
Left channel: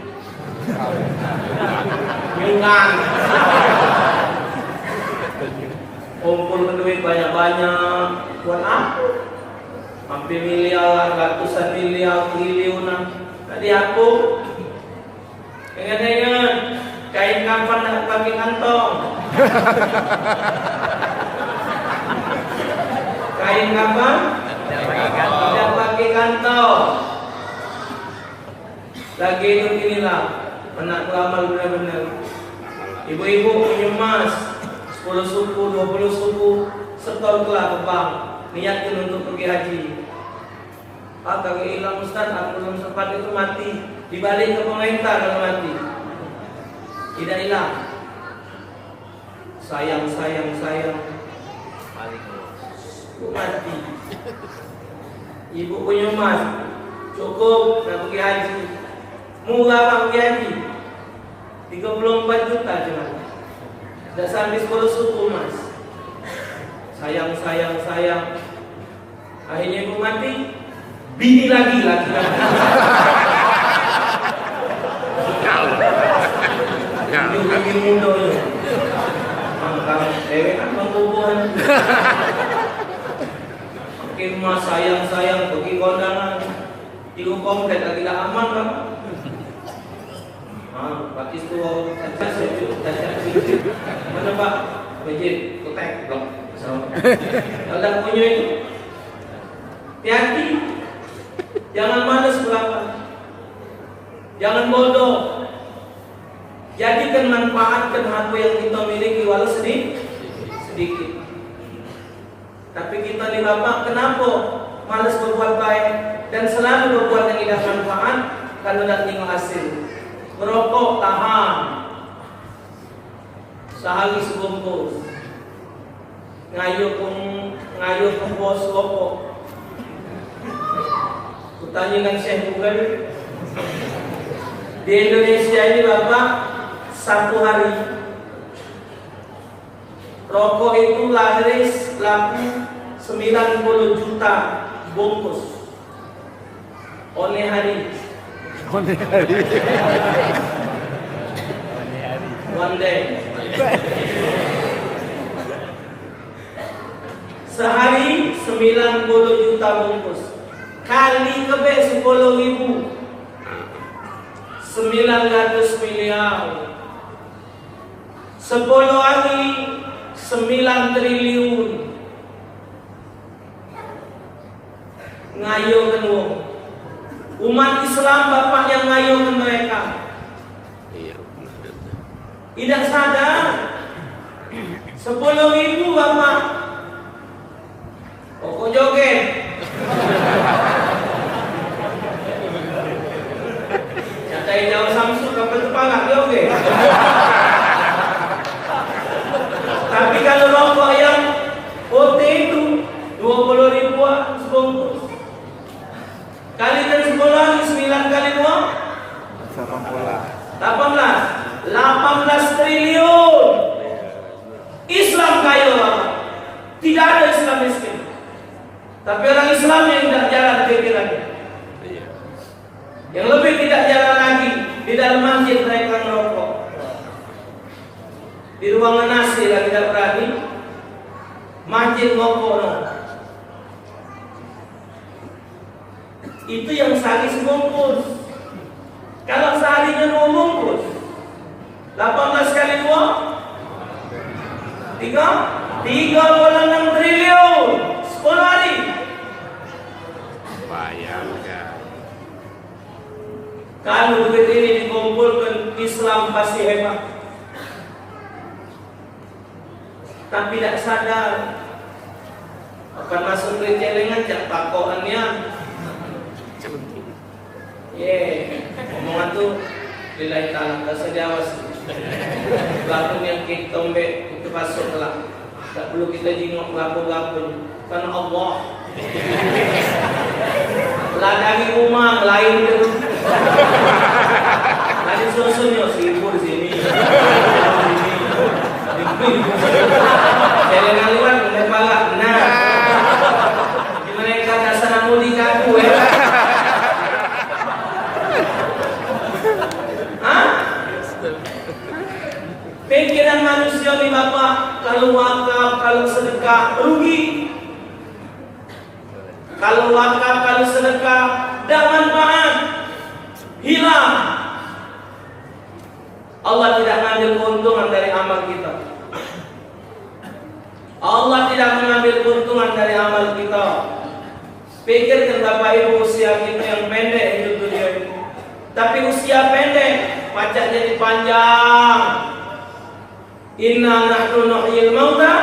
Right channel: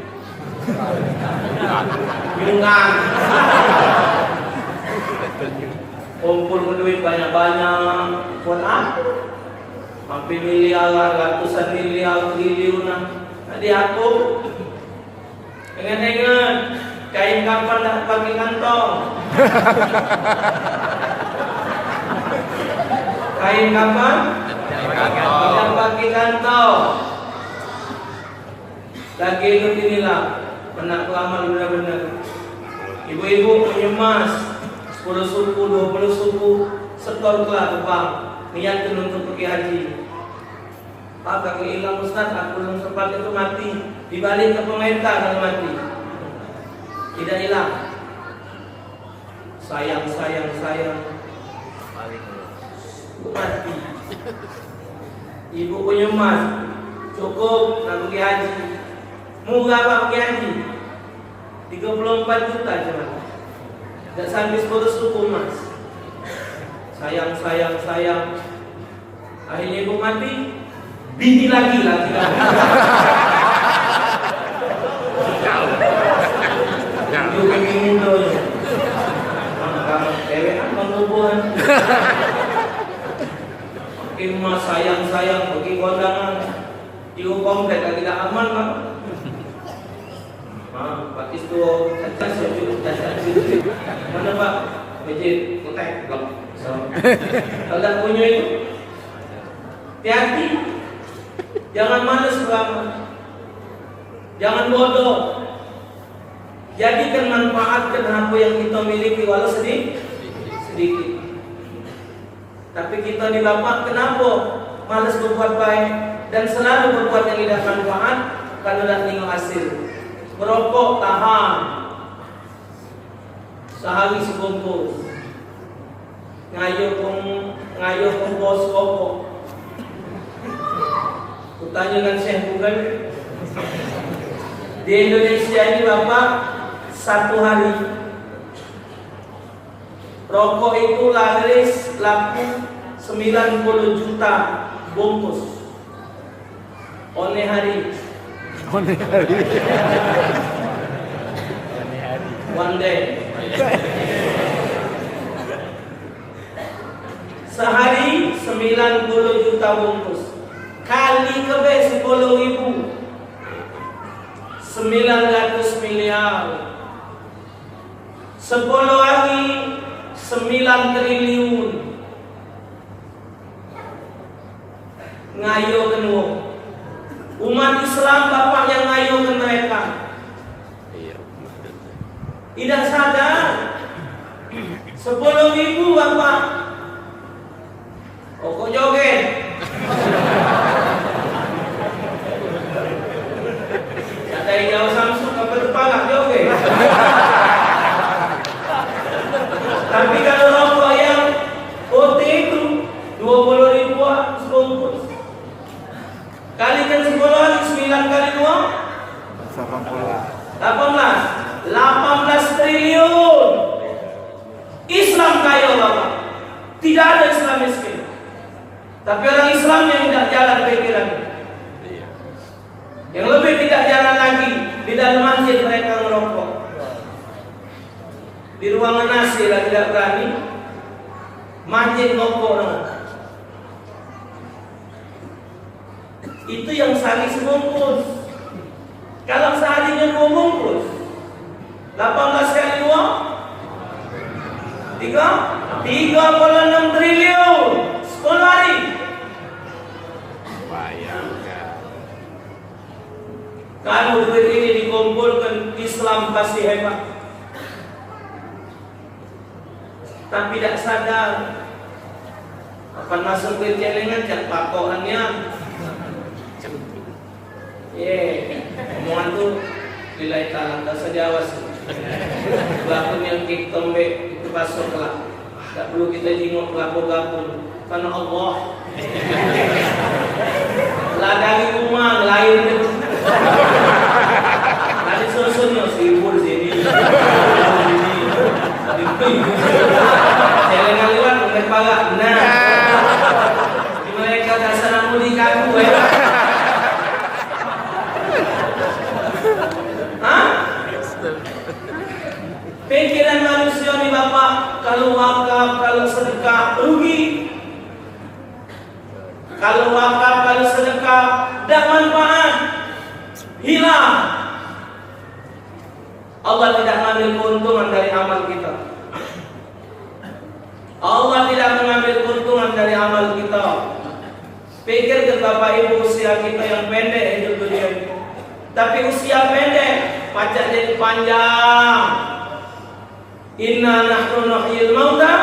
Kumpul duit banyak-banyak buat apa? Hampir miliar, ratusan miliar, triliunan. Tadi aku ingat-ingat kain kapan nak pakai kantong. Kain kapan? Tidak pakai kantong. Lagi hidup inilah anak kelamaan benar-benar. Ibu-ibu menyemas 10 suku, 20 suku, setor kelah ke bank, niatkan untuk pergi haji. Pak, kalau hilang Ustaz, aku belum sempat itu mati. Dibalik ke pemerintah kalau mati. Tidak hilang. Sayang. Balik mati. Ibu punya emas, cukup nak pergi haji. Murah pak pergi haji, 34 juta cuma. Tak sampai 10 suku emas. Sayang. Akhirnya ibu mati, bini lagi. Bini muda je. Kamu ewek nak mengubuhan. Mungkin sayang pergi kondangan. Ibu komplek tidak aman kan? Pakis tu cacat sedikit. Mana Pak? Masjid ketek blok. Kalau punya itu, hati-hati. Jangan malas berapa. Jangan bodoh. Jadikan manfaatkan apa yang kita miliki walau sedikit. Tapi kita ni Bapak kenapa malas berbuat baik dan selalu berbuat yang tidak manfaat kalau nak tengok hasil. Merokok tahan, sehari sebungkus. Ngayuh bos rokok. Kutanyakan Syekh Google. Di Indonesia ini Bapak, satu hari rokok itu laku 90 juta bungkus. Oleh hari. One day. Sehari 90 juta bungkus. Kali kebe 10.000. 900 miliar. 10 hari 9 triliun. Ngayo kenwo. Umat Islam Bapak yang ngayo mereka. Tidak sadar 10.000 Bapak. Kok joget? Ya dari jauh Samsung ke Petepalak joget. Tapi kalau rokok yang OT itu 20 ribuan sebungkus. Kalikan 10 hari 9 kali 2 18 triliun. Islam kaya Bapak. Tidak ada Islam miskin. Tapi orang Islam yang tidak jalan pikirannya. Yang lebih tidak jalan lagi, di dalam masjid mereka merokok. Di ruangan nasi lah tidak berani. Masjid rokok no. Itu yang sehari sebungkus. Kalau seharinya mau bungkus 18 kali 2 36 triliun 10 hari. Kalau duit ini dikumpulkan, Islam pasti hebat. Tapi tidak sadar akan masuk ke celengan cak pakoannya. Omongan tu lillahi ta'ala tak sediawas. Lakon yang kita tombe itu masuklah. Tak perlu kita jingok gapo-gapo. Karena Allah ladang rumah lain itu. Nanti susunya sibur sini. Pikiran manusia nih Bapak, kalau wakaf, kalau sedekah rugi. Kalau wakaf, kalau sedekah tidak manfaat, hilang. Allah tidak mengambil keuntungan dari amal kita. Allah tidak mengambil keuntungan dari amal kita. Pikirkan Bapak Ibu, usia kita yang pendek hidup dunia ini. Tapi usia pendek, pajak jadi panjang. Inna nahnu nuhyil mauta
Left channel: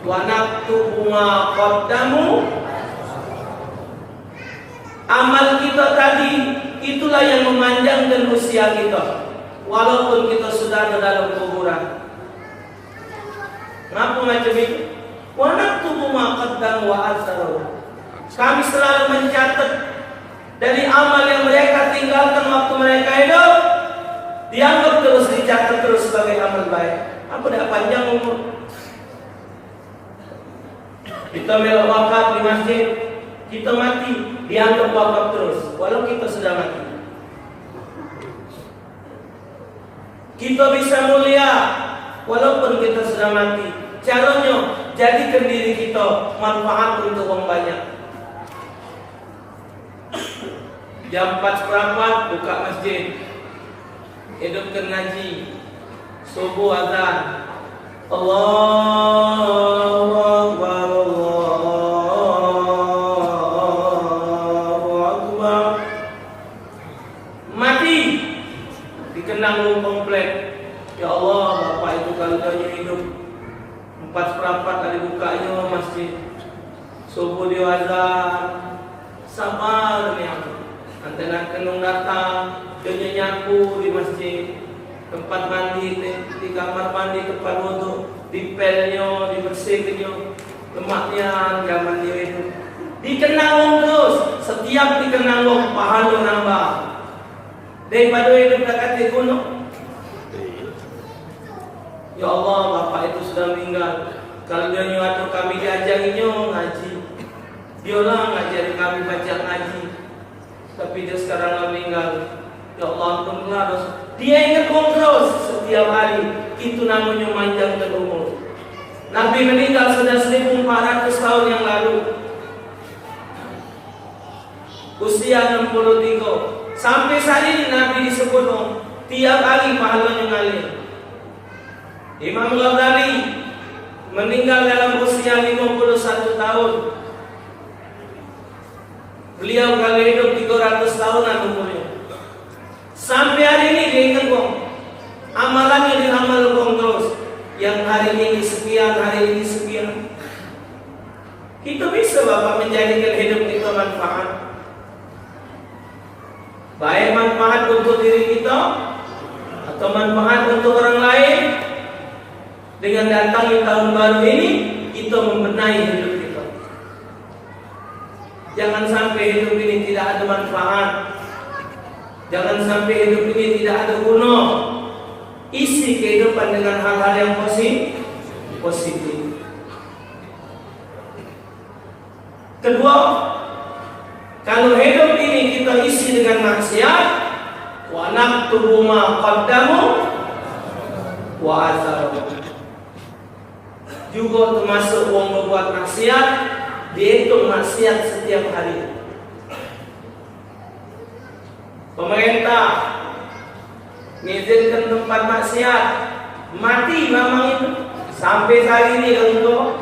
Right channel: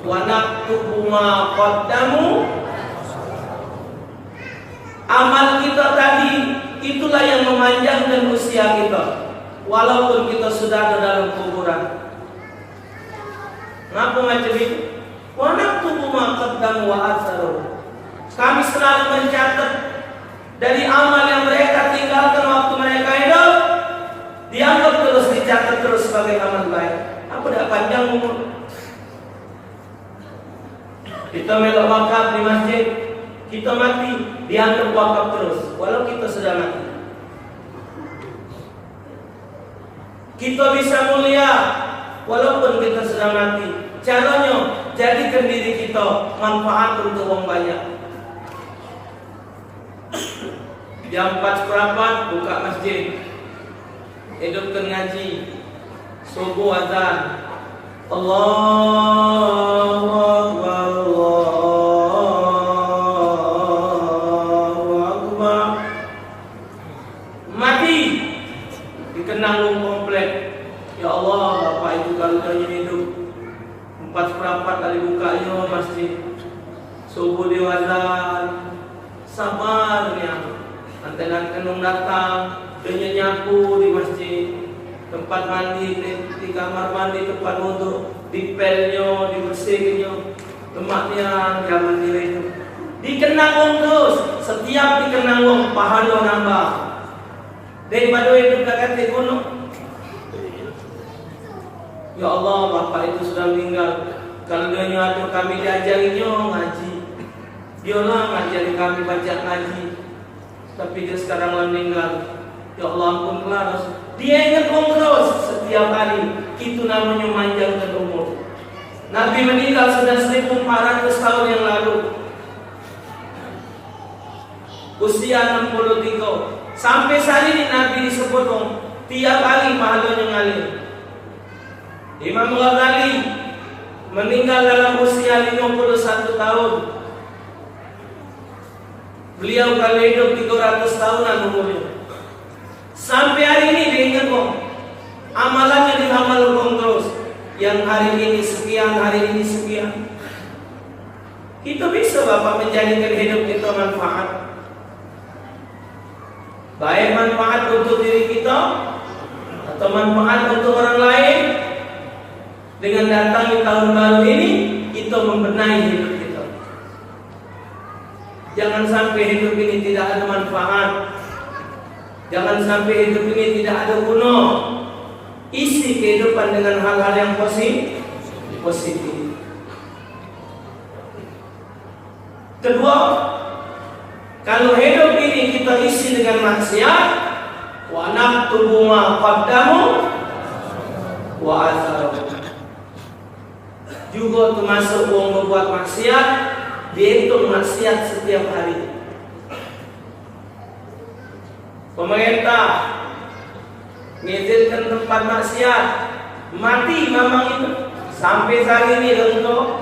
wa naktubu ma qaddamu. Amal kita tadi itulah yang memanjangkan usia kita, walaupun kita sudah ada dalam kuburan. Ngapa macam itu? Wa naktubu ma qaddamu wa atharu. Kami selalu mencatat dari amal yang mereka tinggalkan waktu mereka hidup, dianggap terus, dicatat terus sebagai amal baik. Apa dah panjang umur? Kita melok wakaf di masjid, kita mati, dianggap wakaf terus, walau kita sudah mati. Kita bisa mulia, walaupun kita sudah mati. Caranya, jadikan diri kita manfaat untuk orang banyak. Jam 4 buka masjid, hidupkan ngaji, subuh azan, Allahu Akbar, Allahu Akbar. Mati dikenang komplek. Ya Allah, Bapak itu kalau jauh hidup 4 kali bukanya masjid, subuh di azan, sabar ya. Antena kenung datang, dia nyapu di masjid, tempat mandi, di kamar mandi, tempat wudhu, di pelnya, dibersihkannya, lemaknya, zaman dia itu. Dikenang terus, setiap dikenang pahala nambah. Daripada hidup dekat di gunung. Ya Allah, Bapak itu sudah meninggal. Kalau dia nyuruh kami diajarinya ngaji, dialah ngajari kami baca ngaji. Tapi dia sekarang meninggal. Ya Allah, ampunlah dosa. Dia ingat terus setiap hari. Itu namanya memanjangkan umur. Nabi meninggal sudah 1400 tahun yang lalu. Usia 63. Sampai saat ini Nabi disebut tiap hari pahalanya ngalir. Imam Ghazali meninggal dalam usia 51 tahun. Beliau kalau hidup 300 tahunan umurnya. Sampai hari ini diingat amalannya diramal terus. Yang hari ini sekian, hari ini sekian. Kita bisa Bapak menjadikan hidup kita manfaat. Baik manfaat untuk diri kita atau manfaat untuk orang lain. Dengan datangnya tahun baru ini, kita membenahi hidup kita. Jangan sampai hidup ini tidak ada manfaat. Jangan sampai hidup ini tidak ada guna. Isi kehidupan dengan hal-hal yang positif. Kedua, kalau hidup ini kita isi dengan maksiat, wa naktubu ma qaddamu wa atharu. Juga termasuk orang berbuat maksiat, dihitung maksiat setiap hari. Pemerintah mengizinkan tempat maksiat, mati memang itu. Sampai saat ini untuk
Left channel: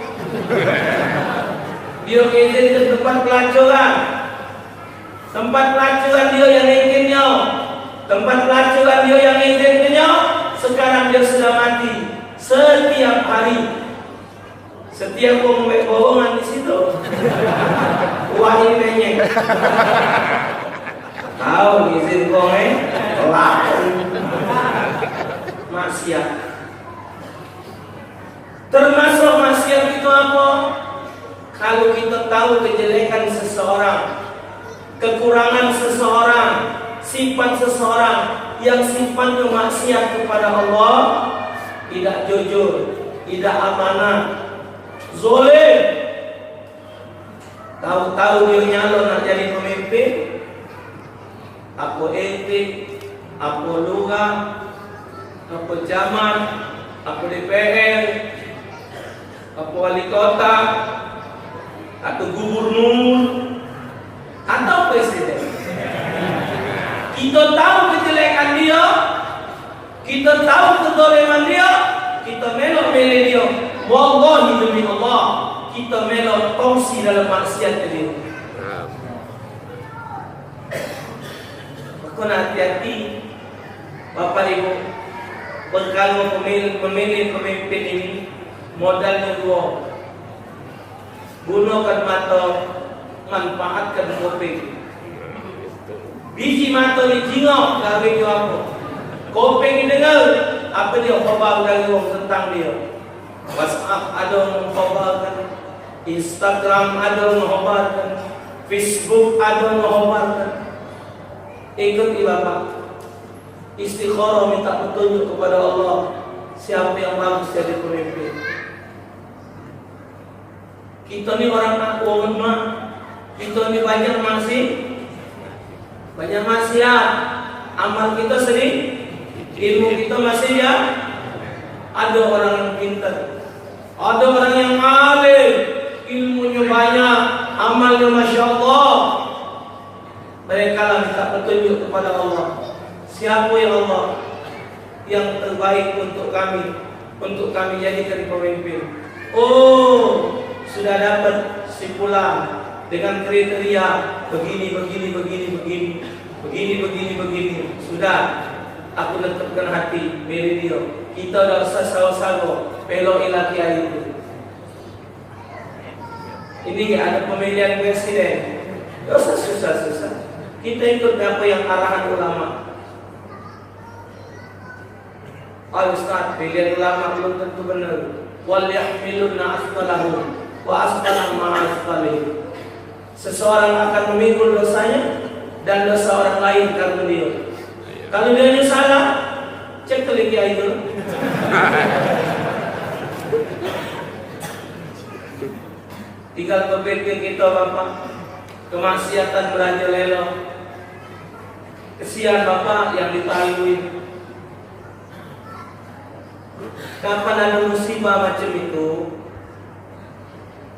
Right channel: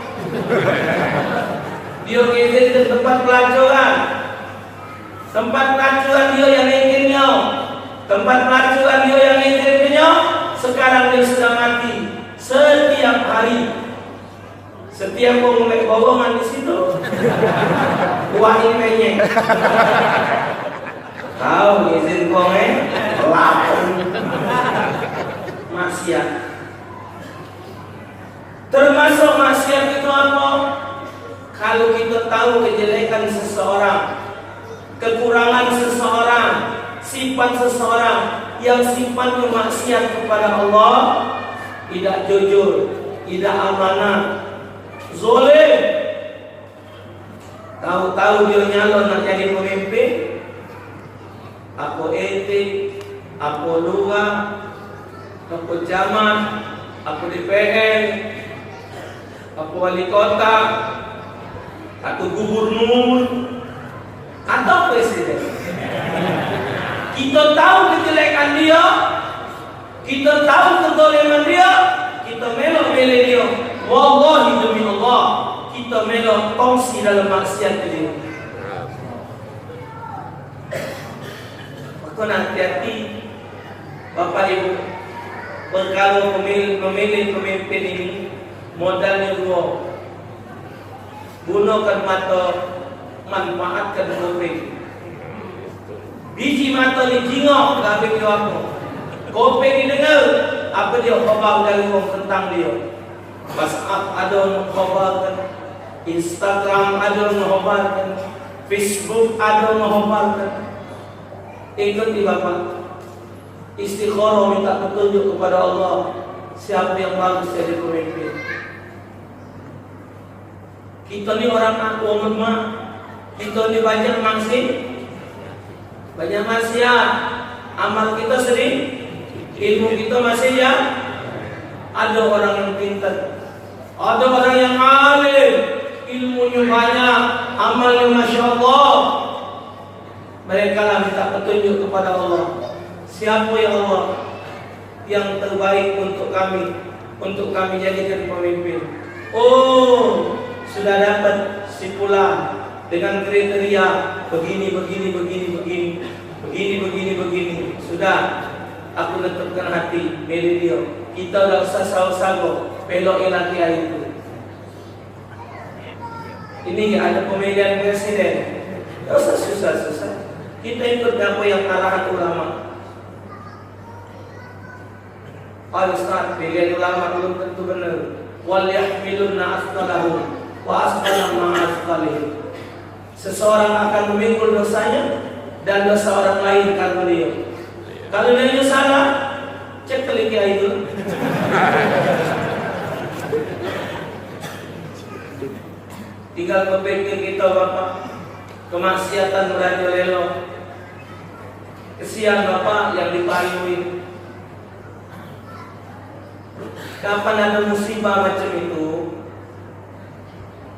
dia mengizinkan tempat pelacuran. Tempat pelacuran dia yang inginnya, tempat pelacuran dia yang inginnya. Sekarang dia sudah mati setiap hari. Setiap bohongan di situ, wah ini banyak. Tahu izin komen, maksiat. Termasuk maksiat itu apa? Kalau kita tahu kejelekan seseorang, kekurangan seseorang, sifat seseorang yang sifatnya maksiat kepada Allah, tidak jujur, tidak amanah, zalim, tahu-tahu dia nyalon nak jadi pemimpin, apa ente, apa lurah, apa camat, apa DPR, apa wali kota, atau gubernur, atau presiden. Kita tahu kejelekan dia, kita tahu kedoleman dia, kita melok milih dia. Wallahi demi Allah, kita melok kongsi dalam maksiat dia. Maka hati-hati Bapak Ibu, kalau memilih pemimpin ini modalnya dua. Gunakan mata, manfaatkan kuping. Biji mata ni jingok gawe dia apa? Kuping ni dengar apa dia khabar dari orang tentang dia. WhatsApp ada orang khabarkan, Instagram ada orang khabarkan, Facebook ada orang khabarkan. Ikuti Bapak, istikharah minta petunjuk kepada Allah, siapa yang bagus jadi pemimpin. Kita ni orang lemah, kita ni banyak maksiat, amal kita sedih, ilmu kita masih ya. Ada orang yang pintar, ada orang yang alim, ilmunya banyak, amalnya masya Allah. Mereka lah minta petunjuk kepada Allah. Siapa ya Allah yang terbaik untuk kami jadikan pemimpin? Oh, sudah dapat simpulan dengan kriteria begini. Sudah, aku letupkan hati milih dia. Kita dah usah sawo-sawo pelok laki itu. Ini ada pemilihan presiden, tak usah susah. Kita ikut apa yang arahan ulama. Ustaz, pilihan ulama belum tentu benar. Wal yahmilunna asqalahum wa asqalam ma'a asqalihim. Seseorang akan memikul dosanya dan dosa orang lain karena dia. Kalau dia salah, cek ke lagi itu. Tinggal berpikir kita Bapak, kemaksiatan merajalela. Kesian Bapak yang dipalui. Kapan ada musibah macam itu,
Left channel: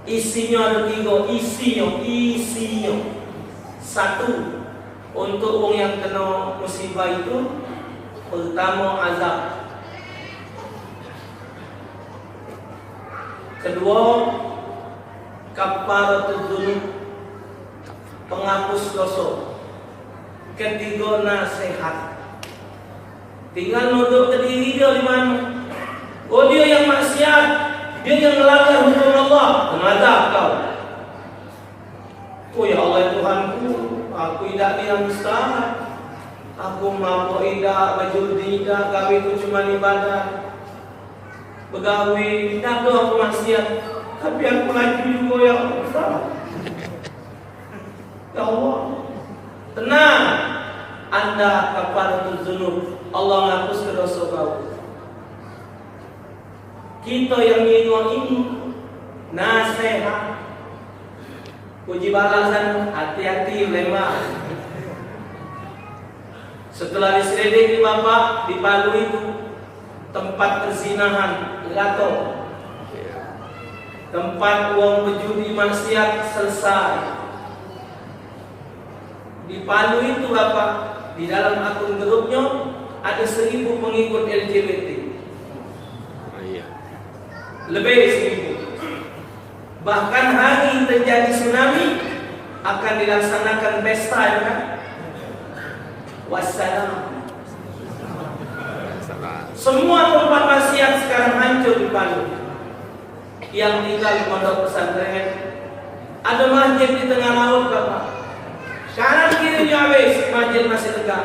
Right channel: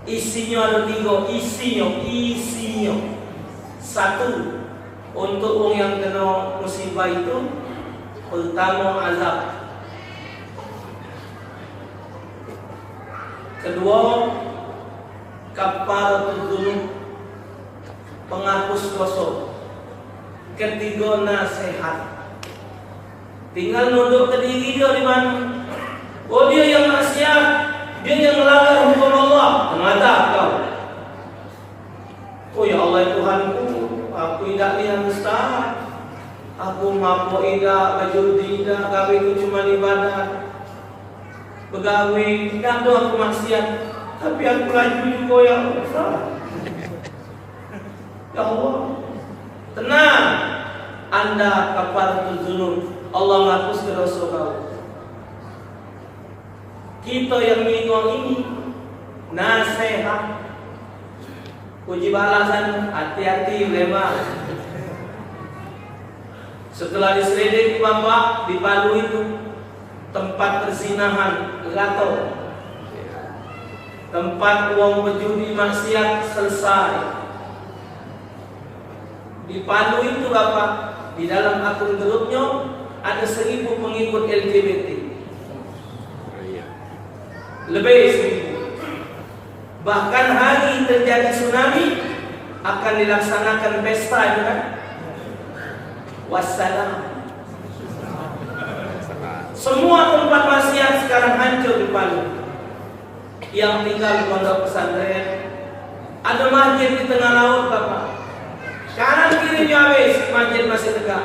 isinya ada tiga, isinya. Satu, untuk orang yang kena musibah itu, pertama azab. Kedua, kafaratul dzunub, penghapus dosa. Ketiga, nasihat. Tinggal nunduk ke diri dia di mana. Oh, dia yang maksiat, dia yang melanggar hukum Allah, mengadab kau. Oh ya Allah Tuhanku, aku tidak yang mustahil. Aku mampu tidak, berjudi tidak, gaweku cuma ibadah. Begawe, tidak tahu aku maksiat, tapi aku laju juga ya Allah. Ya Allah, tenang. Anda kafaratul dzunub, Allah menghapus dosa kau. Kita yang ngikut ini nasihat, puji balasan, hati-hati lemah. Setelah diselidiki Bapak, di Palu itu tempat perzinahan gato, tempat uang berjudi maksiat selesai. Di Palu itu Bapak, di dalam akun grupnya ada 1000 pengikut LGBT. Lebih 1000. Bahkan hari terjadi tsunami akan dilaksanakan pesta kan? Wassalam. Semua tempat maksiat sekarang hancur di Palu. Yang tinggal di pondok pesantren, ada masjid di tengah laut Bapak. Kanan kiri habis, masjid masih tegak.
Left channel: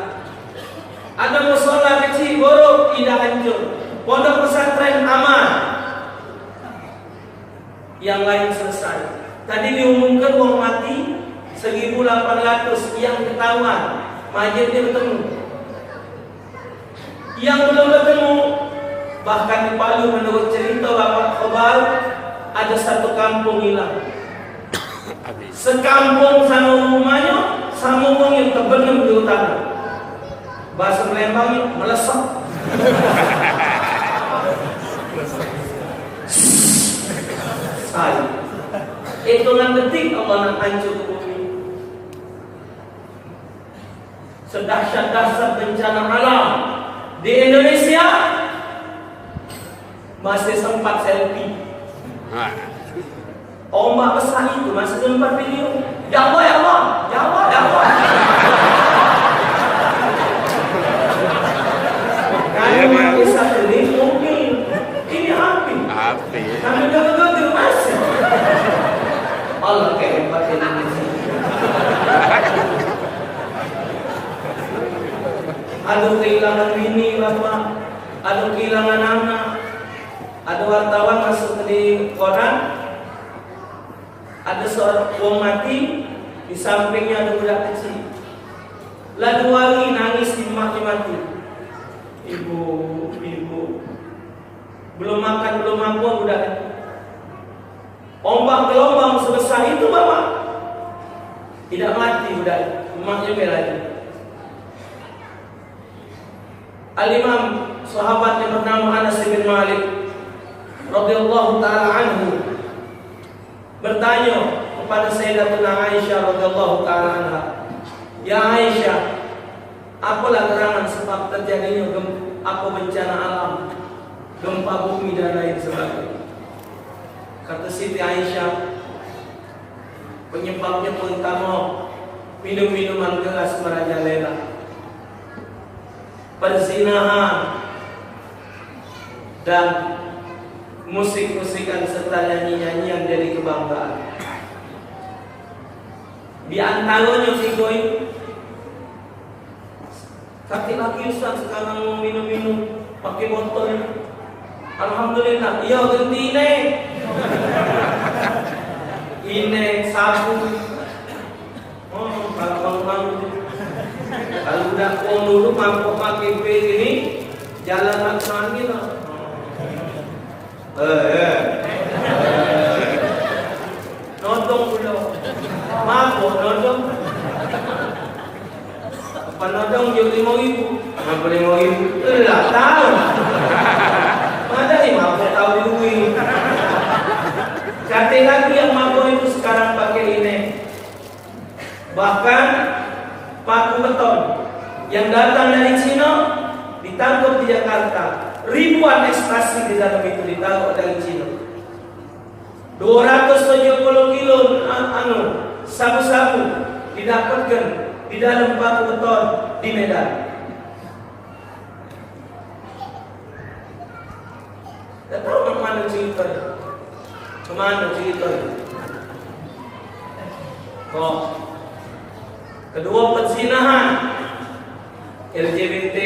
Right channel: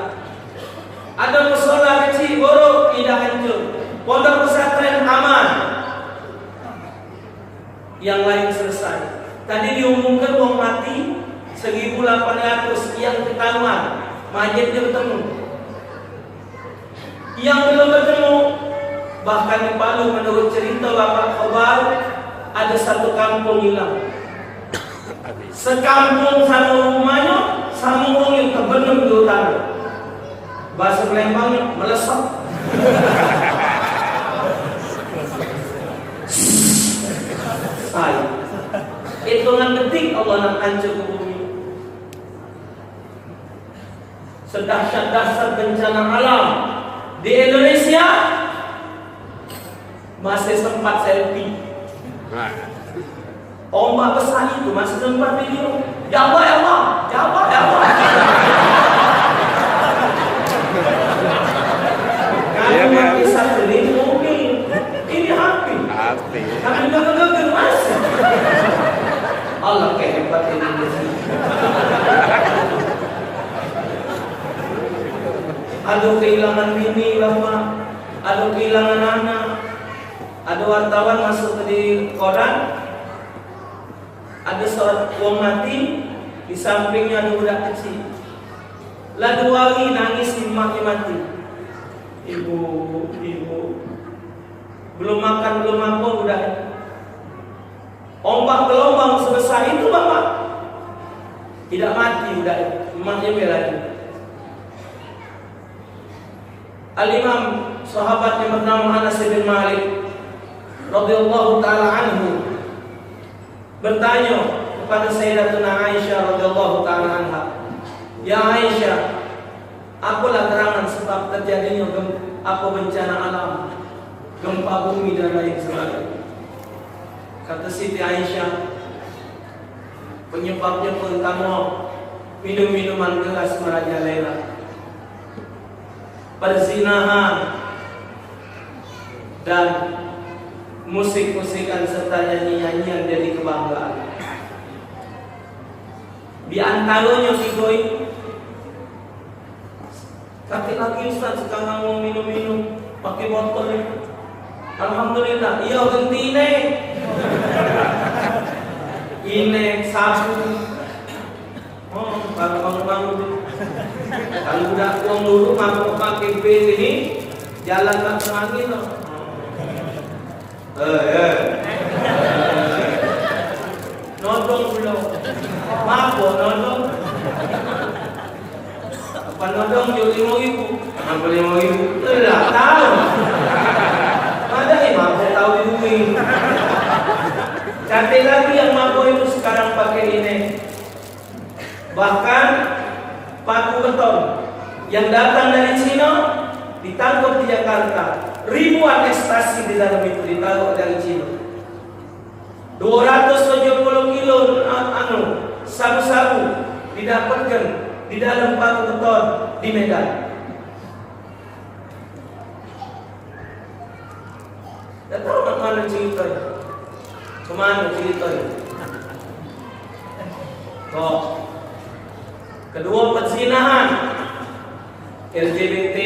Ada musola kecil buruk, tidak hancur. Pondok pesantren aman. Yang lain selesai. Tadi diumumkan uang mati 1.800 yang ketahuan, masjidnya bertemu. Yang belum bertemu, bahkan di Palu menurut cerita Bapak Khobar, ada satu kampung hilang. Sekampung sama rumahnya, sama yang terbenam di utara. Bahasa Melembangnya melesat. Saya hitungan detik Allah nak hancur ke bumi. Sedahsyat-dahsyat bencana alam di Indonesia masih sempat selfie. Ombak besar itu masih sempat video. Ya Allah, ya Allah, ya Allah, ya Allah. Kami kisah ini mobil, ini api. Kami gagal masih. Allah kehebat Indonesia. Ada kehilangan bini bapak, ada kehilangan anak, ada wartawan masuk ke di koran, ada seorang wong mati, di sampingnya ada budak kecil. Lalu wangi nangis di emaknya mati. Ibu, belum makan belum apa budak. Ombak gelombang sebesar itu bapak, tidak mati budak, emaknya belanya. Al-Imam sahabat yang bernama Anas bin Malik radhiyallahu taala anhu bertanya kepada Sayyidatuna Aisyah radhiyallahu taala anha, "Ya Aisyah, apalah terangan sebab terjadinya apa bencana alam, gempa bumi dan lain sebagainya?" Kata Siti Aisyah, penyebabnya pertama minum-minuman keras merajalela, perzinahan, dan musik-musikan serta nyanyi-nyanyian dari kebanggaan. Di antaranya tiga itu. Laki-laki Ustaz sekarang mau minum-minum pakai botol. Alhamdulillah, iya ganti ini sabu. Oh, bang. Kalau udah uang dulu mampu pakai B ini jalan langsung angin. Nodong dulu, mampu nodong. Apa nodong jadi 5.000, mampu 5.000. Lah tahu. Mana nih mampu tahu duit. Cantik lagi yang mampu itu sekarang pakai ini. Bahkan paku beton yang datang dari Cina ditangkap di Jakarta. Ribuan ekstasi di dalam itu ditangkap dari Cina. 270 kilo sabu-sabu didapatkan di dalam paku beton di Medan. Tak tahu mana ceritanya. Kemana ceritanya? Kok kedua perzinahan, LGBT,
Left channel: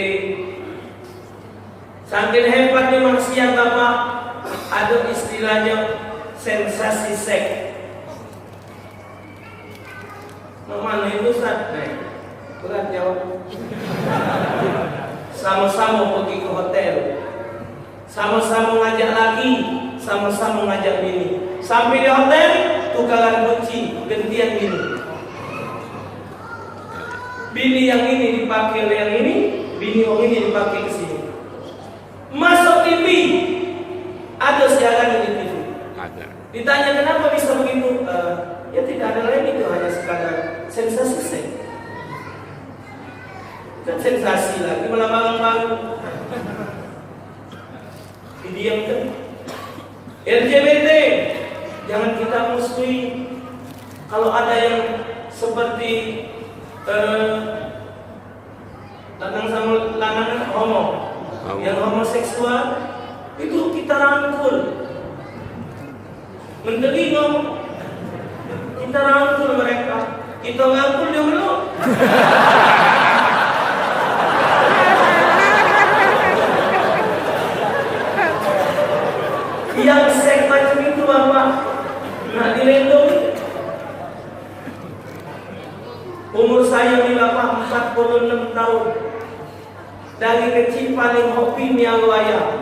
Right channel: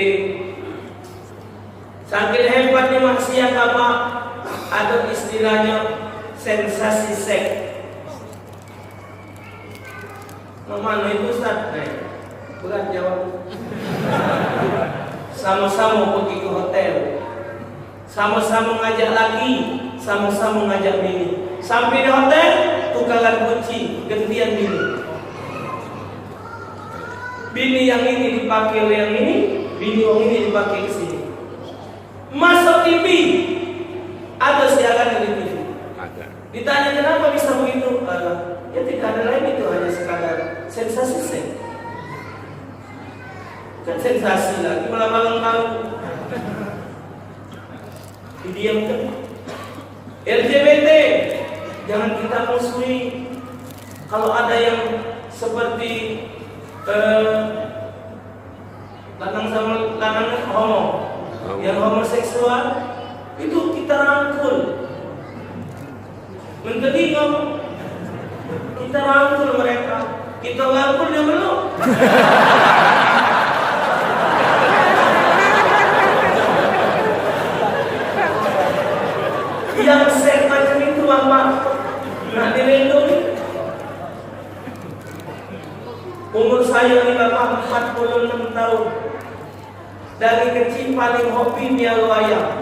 saking hebatnya maksiat apa? Ada istilahnya sensasi seks. Mana itu Ustaz? Berat jawab. Sama-sama pergi ke hotel, sama-sama ngajak laki, sama-sama ngajak bini. Sampai di hotel, tukaran kunci, gantian bini. Bini yang ini dipakai oleh yang ini, bini yang ini dipakai ke sini. Masuk TV, ada siaran di TV. Ada. Ditanya kenapa bisa begitu? Ya tidak ada lain, itu hanya sekadar sensasi seks. Kan sensasi lagi malah malam-malam. Didiamkan. LGBT, jangan kita musuhi. Kalau ada yang seperti lanang sama lanang homo, yang homoseksual itu kita rangkul. Menteri ngomong, kita rangkul mereka, kita ngangkul dia belum. Yang seks macam itu bapak nak dilindungi. Umur saya ni bapak 46 tahun. Dari kecil paling hobi mialu ayam.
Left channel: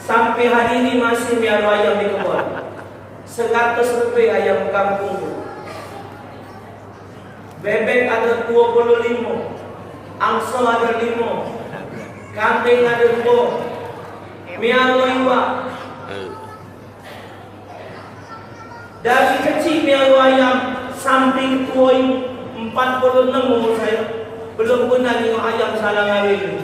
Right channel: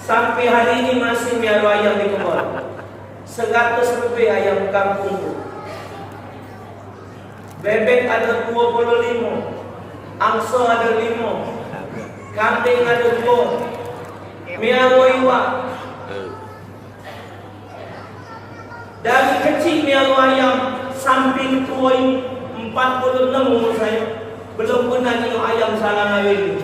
Sampai hari ini masih mialu ayam di kebun. 100 lebih ayam kampung. Bebek ada 25, angso ada 5, Kambing ada dua. Mialu iwa. Dari kecil mialu ayam sampai tua 46 umur saya. Belum pernah tengok ayam salah ngawin.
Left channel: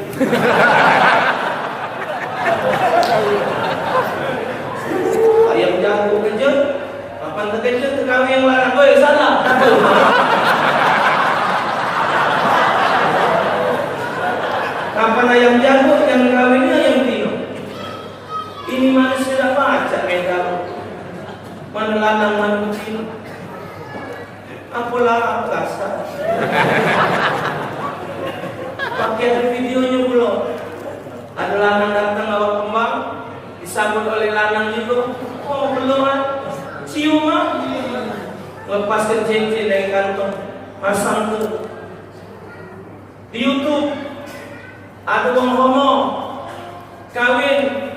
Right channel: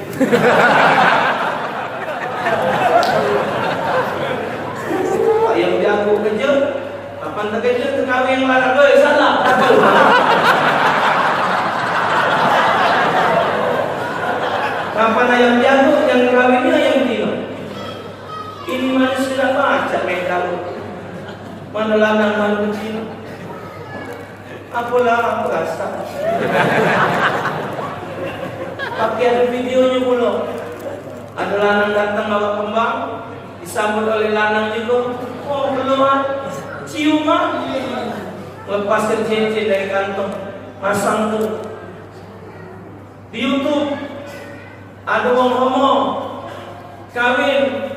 Ayam jago kerja. Kapan tak kerja kami yang larang. Salah. Kapan ayam jago yang kawinnya ayam betina. Ini manusia tidak baca mereka. Mana lanang mana betina. Apalah apa rasa. Pakai ada videonya pula. Ada lanang datang bawa kembang, disambut oleh lanang juga. Oh belum cium ah. Lepaskan cincin dari kantong, pasang tu. Di YouTube ada orang homo kawin.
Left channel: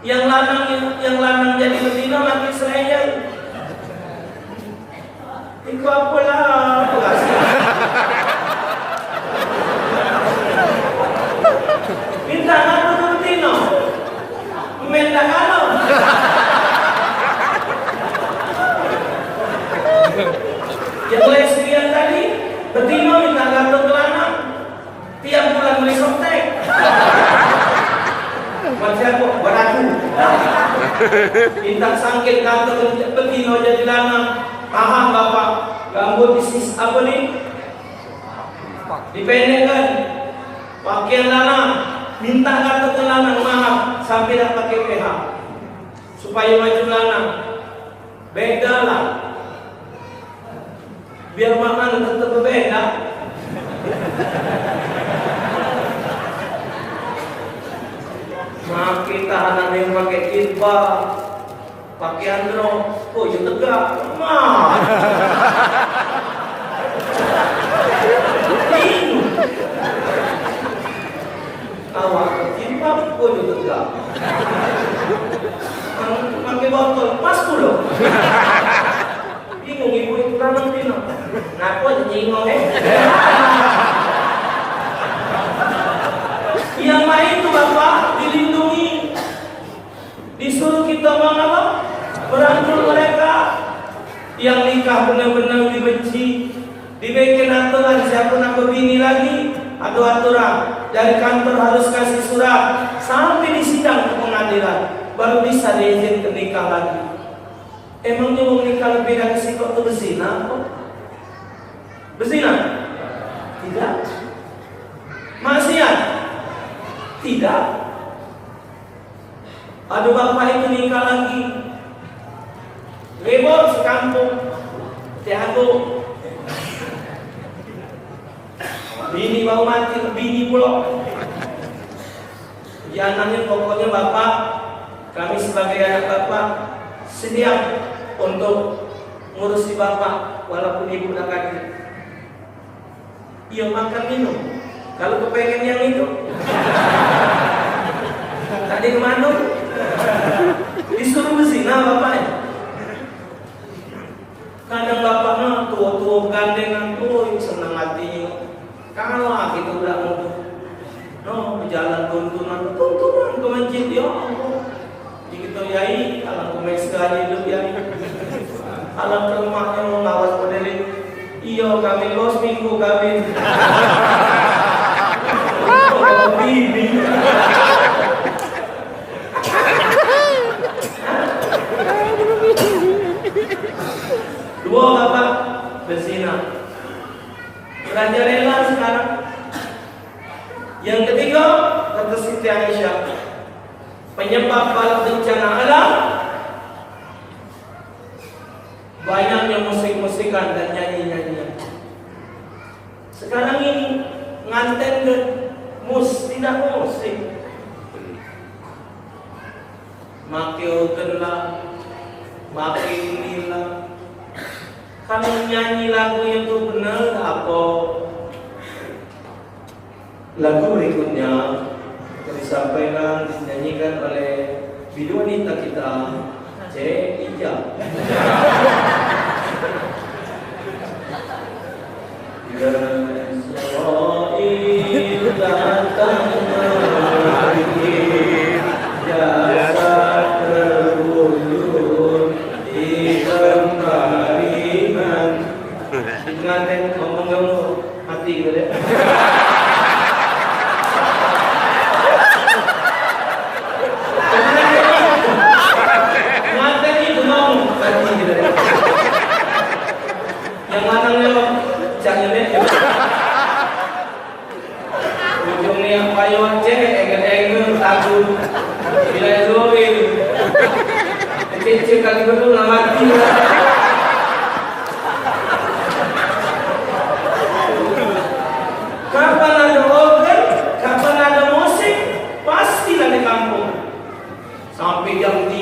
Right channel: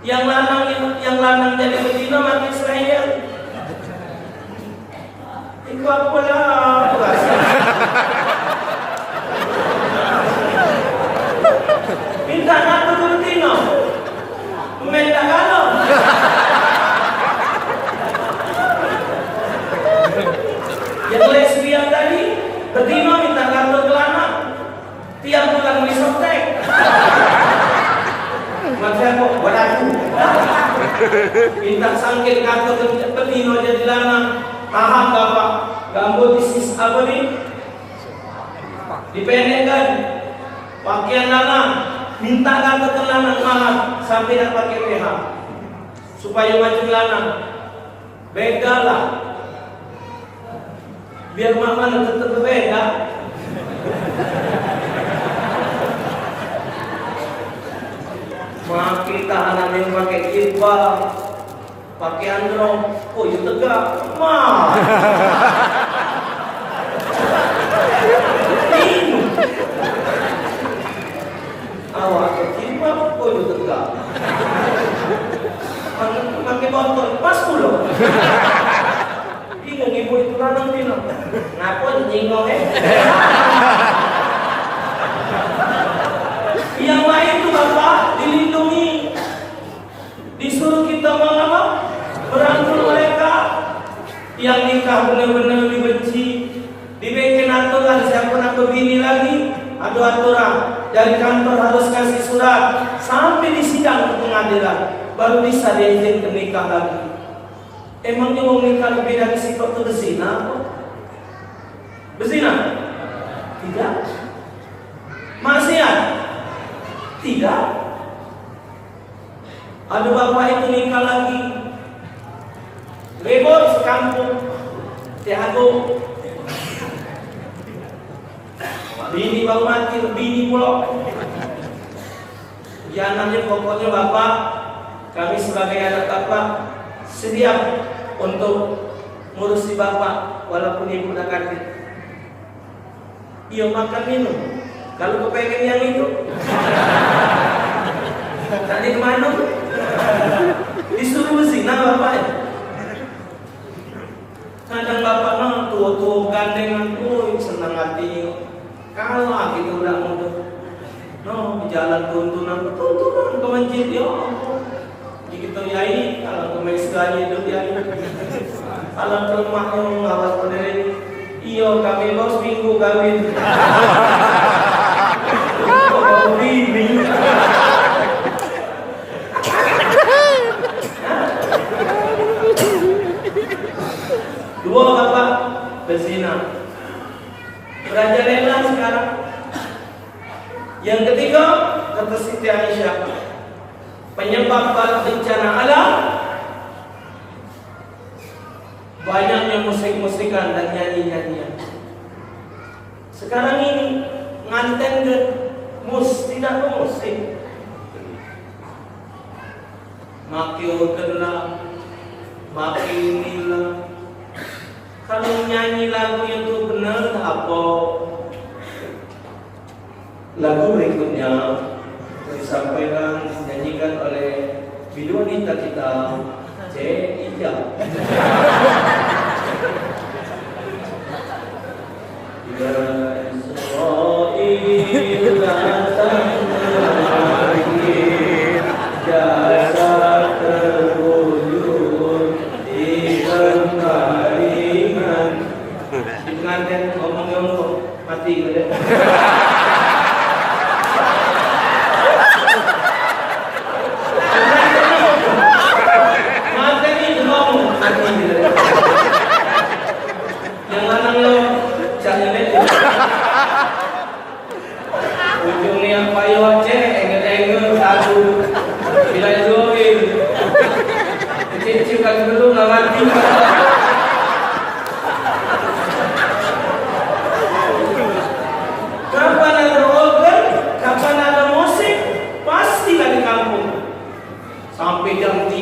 Yang lanang jadi betina mati seraya. Itu apalah rasa. Minta ngaku ke betina. Minta kalau. Yang lesbian tadi betina minta ngaku ke lanang. Tiap bulan beli softtek. Macam kok beratu. Minta sangkit ngaku ke betina jadi lanang. Paham bapak? Ganggu bisnis apa nih? Dipendekkan pakaian lanang, minta kata ke lanang maaf sampai nak pakai PH supaya macam lanang. Beda lah. Biar mana tetap berbeda. Maaf kita anak yang pakai jilbab, pakai andro, oh ya tegak, mah. Awak jilbab, oh ya tegak. Pakai botol, pas puluh. Bingung ibu itu lanang bina. Ngaku aja jingong Yang lain tuh bapak dilindungi, disuruh kita apa? Merangkul mereka. Yang nikah benar-benar dibenci, dibikin aturan siapa nak berbini lagi, ada aturan dari kantor harus kasih surat sampai di sidang pengadilan baru bisa diizinkan nikah lagi. Emangnya mau nikah lebih dari sikap itu berzina apa? Berzina? Tidak. Maksiat? Tidak. Ada bapak itu nikah lagi, ribut sekampung, tiago. Bini baru mati, bini pula. Jangannya pokoknya bapak, kami sebagai anak bapak sedia untuk ngurusi bapak walaupun ibu nak kaki. Iya makan minum. Kalau kepengen yang itu, tadi kemana? Disuruh berzina bapak ya. Kadang bapak tua-tua gandengan tuh senang hati. Kalah kita udah muda. Berjalan tuntunan ke masjid ya. Jadi kita yai kalau mesra hidup ya. Kalau ke rumahnya mengawal pendiri. Iyo kami bos minggu kami. Bimbing. Dua bapak berzina. Merajalela sekarang. Yang ketiga kata Siti Aisyah, penyebab bala bencana alam banyaknya musik-musikan dan nyanyi-nyanyian. Sekarang ini nganten ke tidak musik. Maki organ lah, maki inilah. Kalau nyanyi lagu itu benar apa? Lagu berikutnya disampaikan dinyanyikan oleh biduanita kita C. Ija. Ya Israel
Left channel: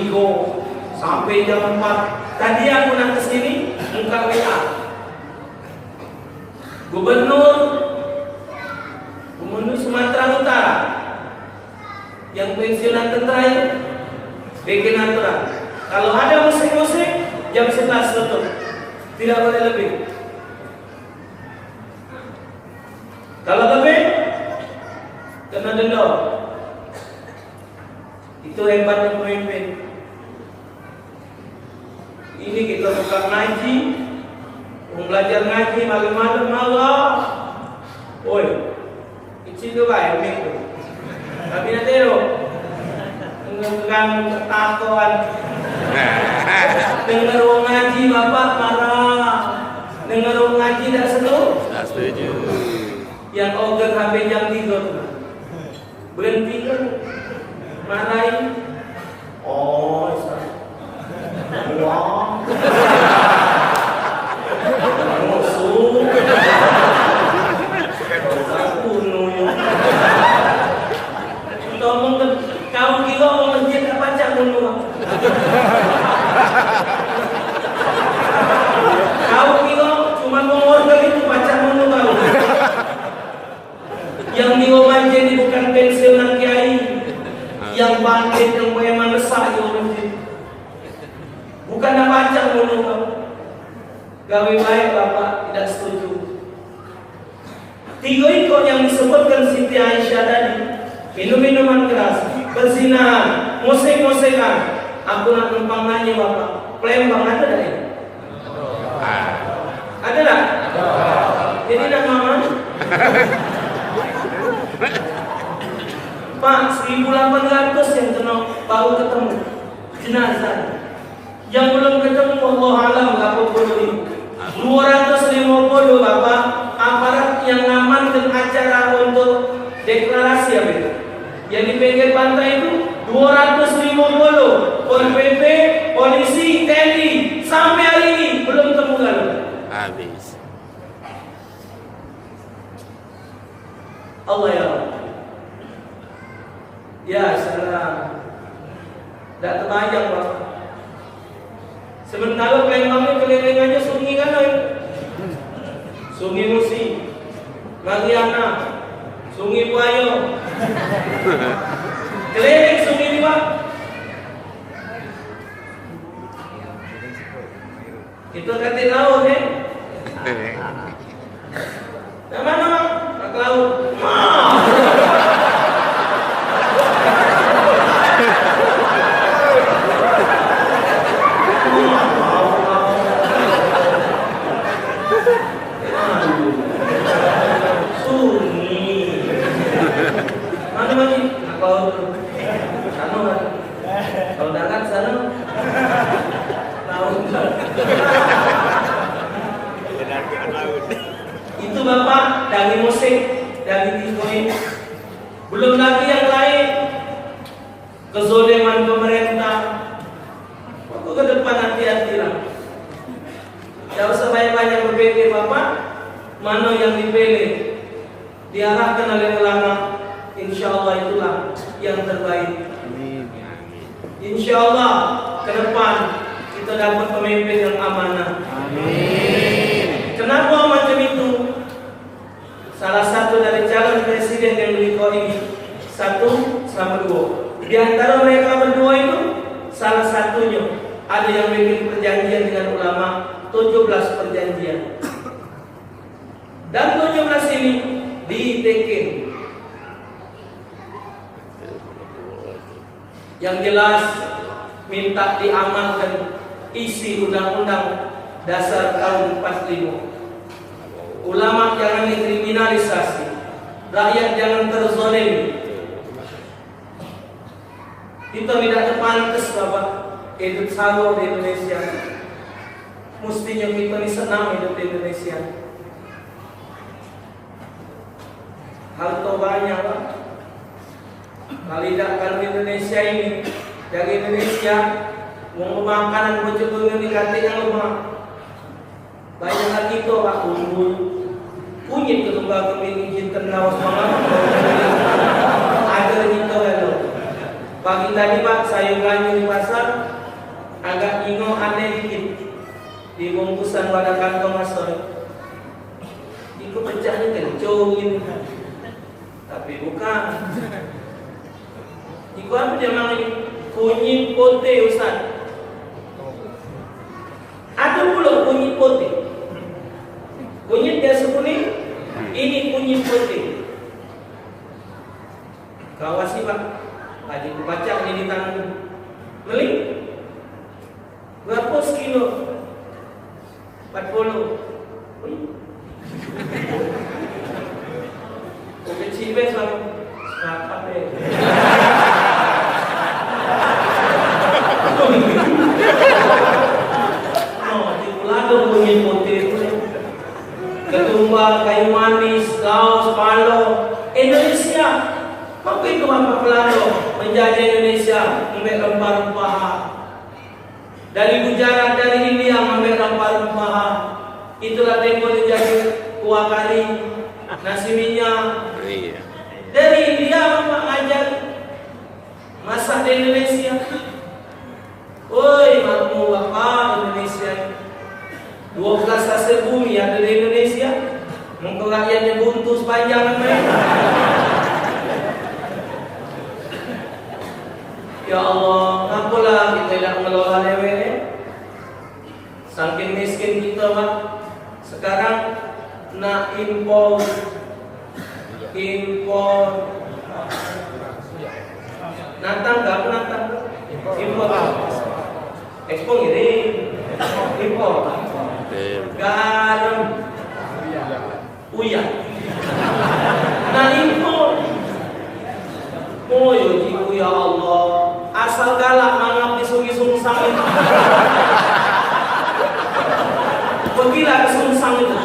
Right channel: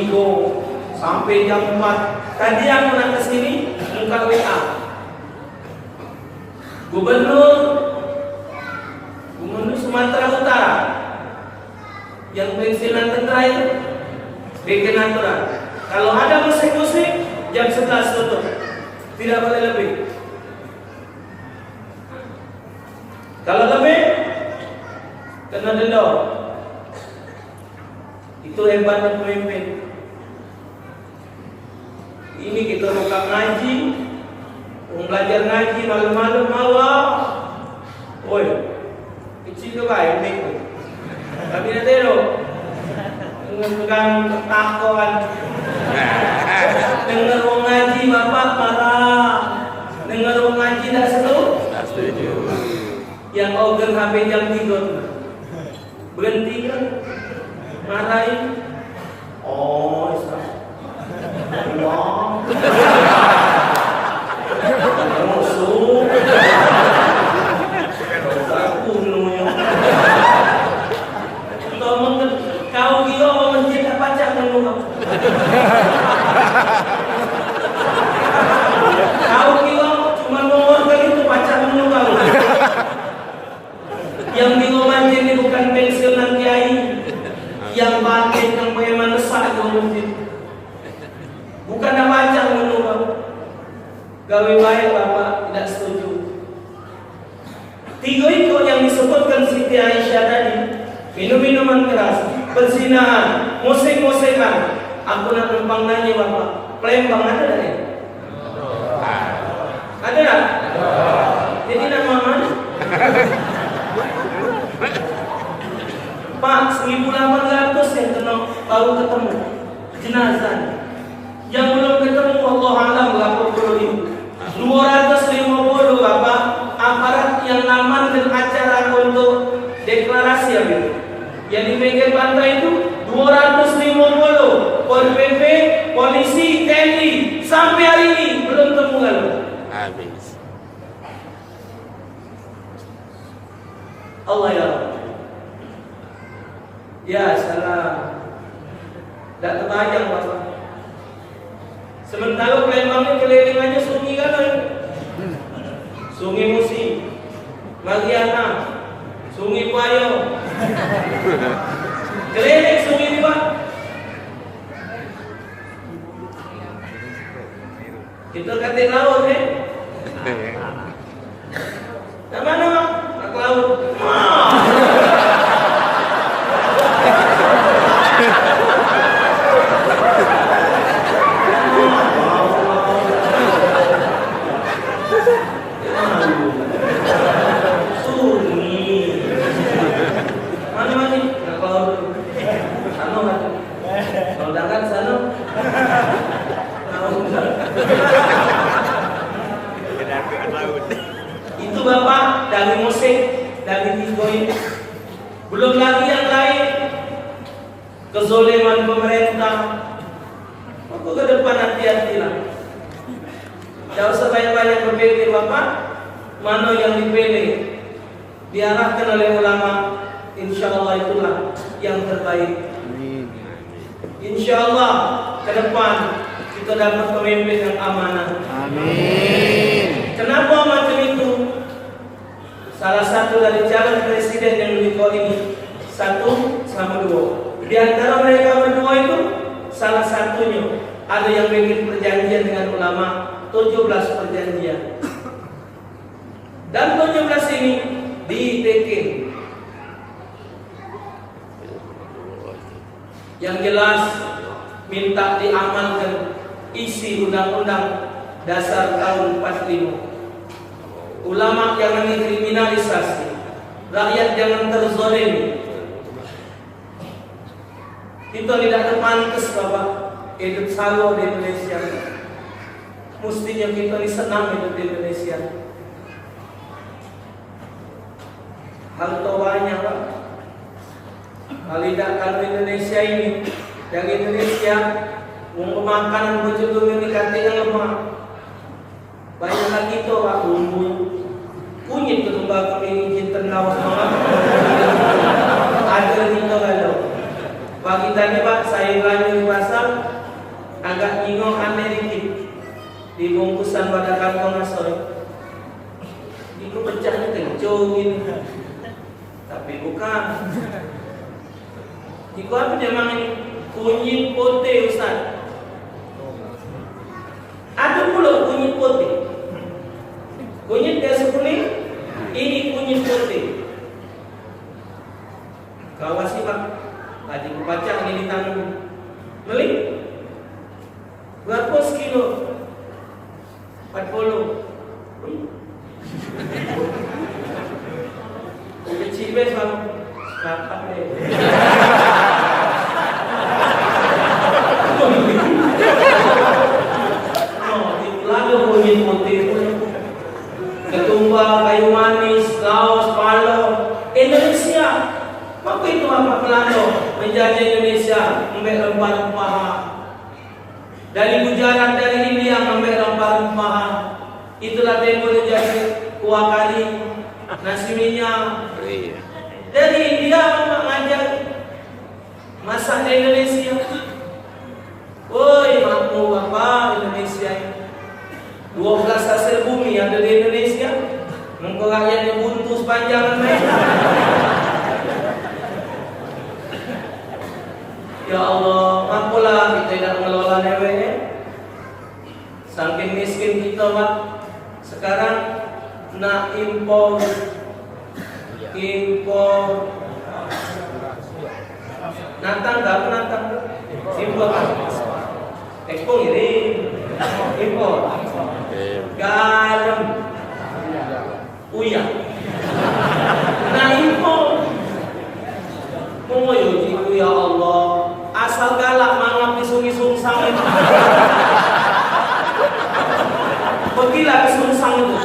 3 sampai jam 4. Tadi aku nak ke sini buka WA. Gubernur Sumatera Utara yang pensiunan tentara itu bikin aturan. Kalau ada musik-musik jam 11 tutup. Tidak boleh lebih. Kalau lebih kena denda. Itu hebatnya pemimpin. Ini kita buka ngaji, belajar ngaji malam-malam Allah. Oi, kecil juga ya itu. Tapi nanti lo ngegang ketakuan. Dengar orang ngaji bapak marah. Dengar orang ngaji tak setuju. Yang organ HP jam 3 berhenti kan? Marahin. Oh, Allah. Musuh. Tolong kau kira mau masjid tak baca dulu. Kau kira cuma mengorgan itu baca dulu baru. Yang di rumah ini bukan pensiunan kiai, yang bangkit yang memang nesah di masjid. Bukan nak baca dulu. Gawe baik bapak tidak setuju. 3 ikut yang disebutkan Siti Aisyah tadi, minum-minuman keras, perzinahan, musik-musikan. Aku nak numpang nanya bapak, Palembang ada tak ya? Ada tak? Jadi nak mana? Pak, 1.800 yang kena baru ketemu jenazah. Yang belum ketemu Allah alam berapa puluh 250 bapak aparat yang ngamankan acara untuk deklarasi apa itu? Yang di pinggir pantai itu 250 Pol PP, polisi, TNI sampai hari ini belum temu kalau. Habis. Allah ya. Ya salah. Tak terbayang bapak. Sementara Palembang ni keliling aja sungai kan? Sungai Musi, Mariana, Sungai Buayo. Keliling sungai ni pak. Kita katik laut eh. Nak mana bang? Nak ke laut. Itu bapak dari musik, dari diskoin. Belum lagi yang lain, kezoliman pemerintah. Maka ke depan hati-hati lah. Jangan usah banyak-banyak berpikir bapak, mana yang dipilih, diarahkan oleh ulama. Insya Allah itulah yang terbaik. Insya Allah ke depan kita dapat pemimpin yang amanah. Amin. Kenapa macam itu? Salah satu dari calon presiden yang berikut ini, 1 sama 2. Di antara mereka berdua itu, salah satunya ada yang bikin perjanjian dengan ulama, 17 perjanjian. Dan 17 ini ditekin. Yang jelas minta diamankan isi undang-undang dasar tahun 45. Ulama jangan dikriminalisasi, rakyat jangan terzolimi. Kita tidak pantas bapak hidup sawo di Indonesia. Mestinya kita ini senang hidup di Indonesia. Harta banyak pak. Kalau kalau Indonesia ini, dari Indonesia mau makanan bocor ini kata yang lemah. Banyak lagi itu pak kunyit ke kembang kepingin cinta nawas mama. Ada gitu lalu. Pagi tadi Pak, saya belanja di pasar, agak bingung aneh dikit. Di bungkusan pada kantong asoy, itu pecahnya kencung ini kan. Tapi bukan. Itu apa dia mang ini? Kunyit pote Ustaz. Ada pula kunyit pote. Kunyit biasa kuning, ini kunyit pote. Kawasi Pak, tadi ku baca ini di tangan. Beli berapa sekilo? 40. Kecil be selalu rapat be. Oh, di Pulau kunyit putih, ketumbar, kayu manis, laos, palo, Indonesia. Apa itu apa Pelando menjajah Indonesia, ambil rempah-rempah. Dari Gujarat, dari India ambil rempah-rempah. Itulah tempo dia jadi kuah kari, nasi minyak. Iya. Dari India Bapak ngajak masak di Indonesia. Woi, makmu Bapak Indonesia 12 hasil bumi ada di Indonesia. Mungkin rakyatnya buntu sepanjang namanya. Ya Allah, apalah kita tidak mengelola lewenya. Saking miskin kita Pak. Sekarang nak impor natang tak natang impor ekspor ini impor garam uya nah impor oh yujiku ya Allah asal galak mangap di sungi-sungi sangit pergilah ke Sungsang itu.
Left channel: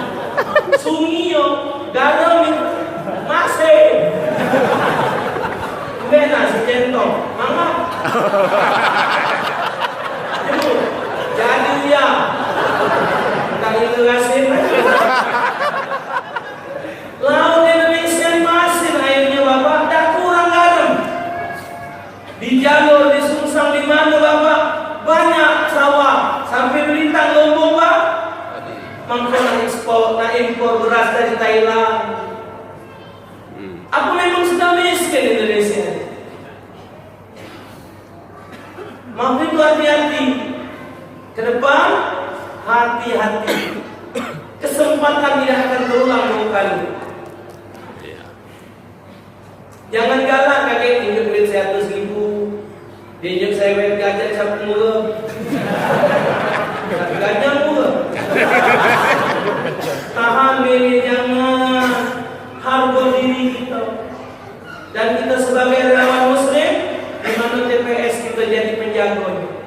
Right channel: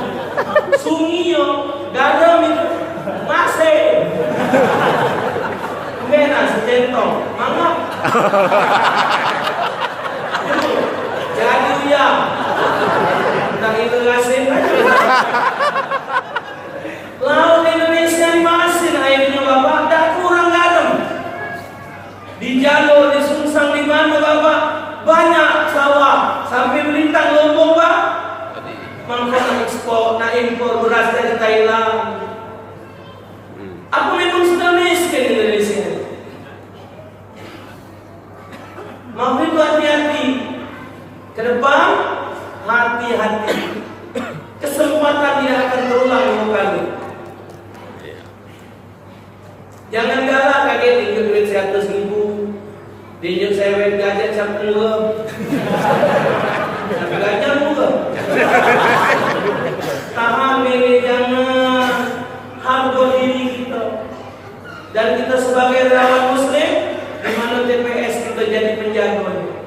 Sungi yo, garam itu masih. Benar si centong, mangap. Jadi uya, tak ilusin. Laut Indonesia di masin airnya Bapak, tak kurang garam. Di jalur di Sungsang di mana Bapak banyak sawah sampai Belintang Lombok Pak. Mangko nak ekspor, nak impor beras dari Thailand. Apa memang sudah miskin Indonesia? Maka itu hati-hati. Ke depan, hati-hati. Kesempatan tidak akan terulang dua kali. Jangan galak kaget injek duit 100.000, diinjek saya gajah cap mula. Sampai gajah mula. Tahan diri, jangan harga diri kita. Dan kita sebagai relawan Muslim, di mana TPS kita jadi penjaganya.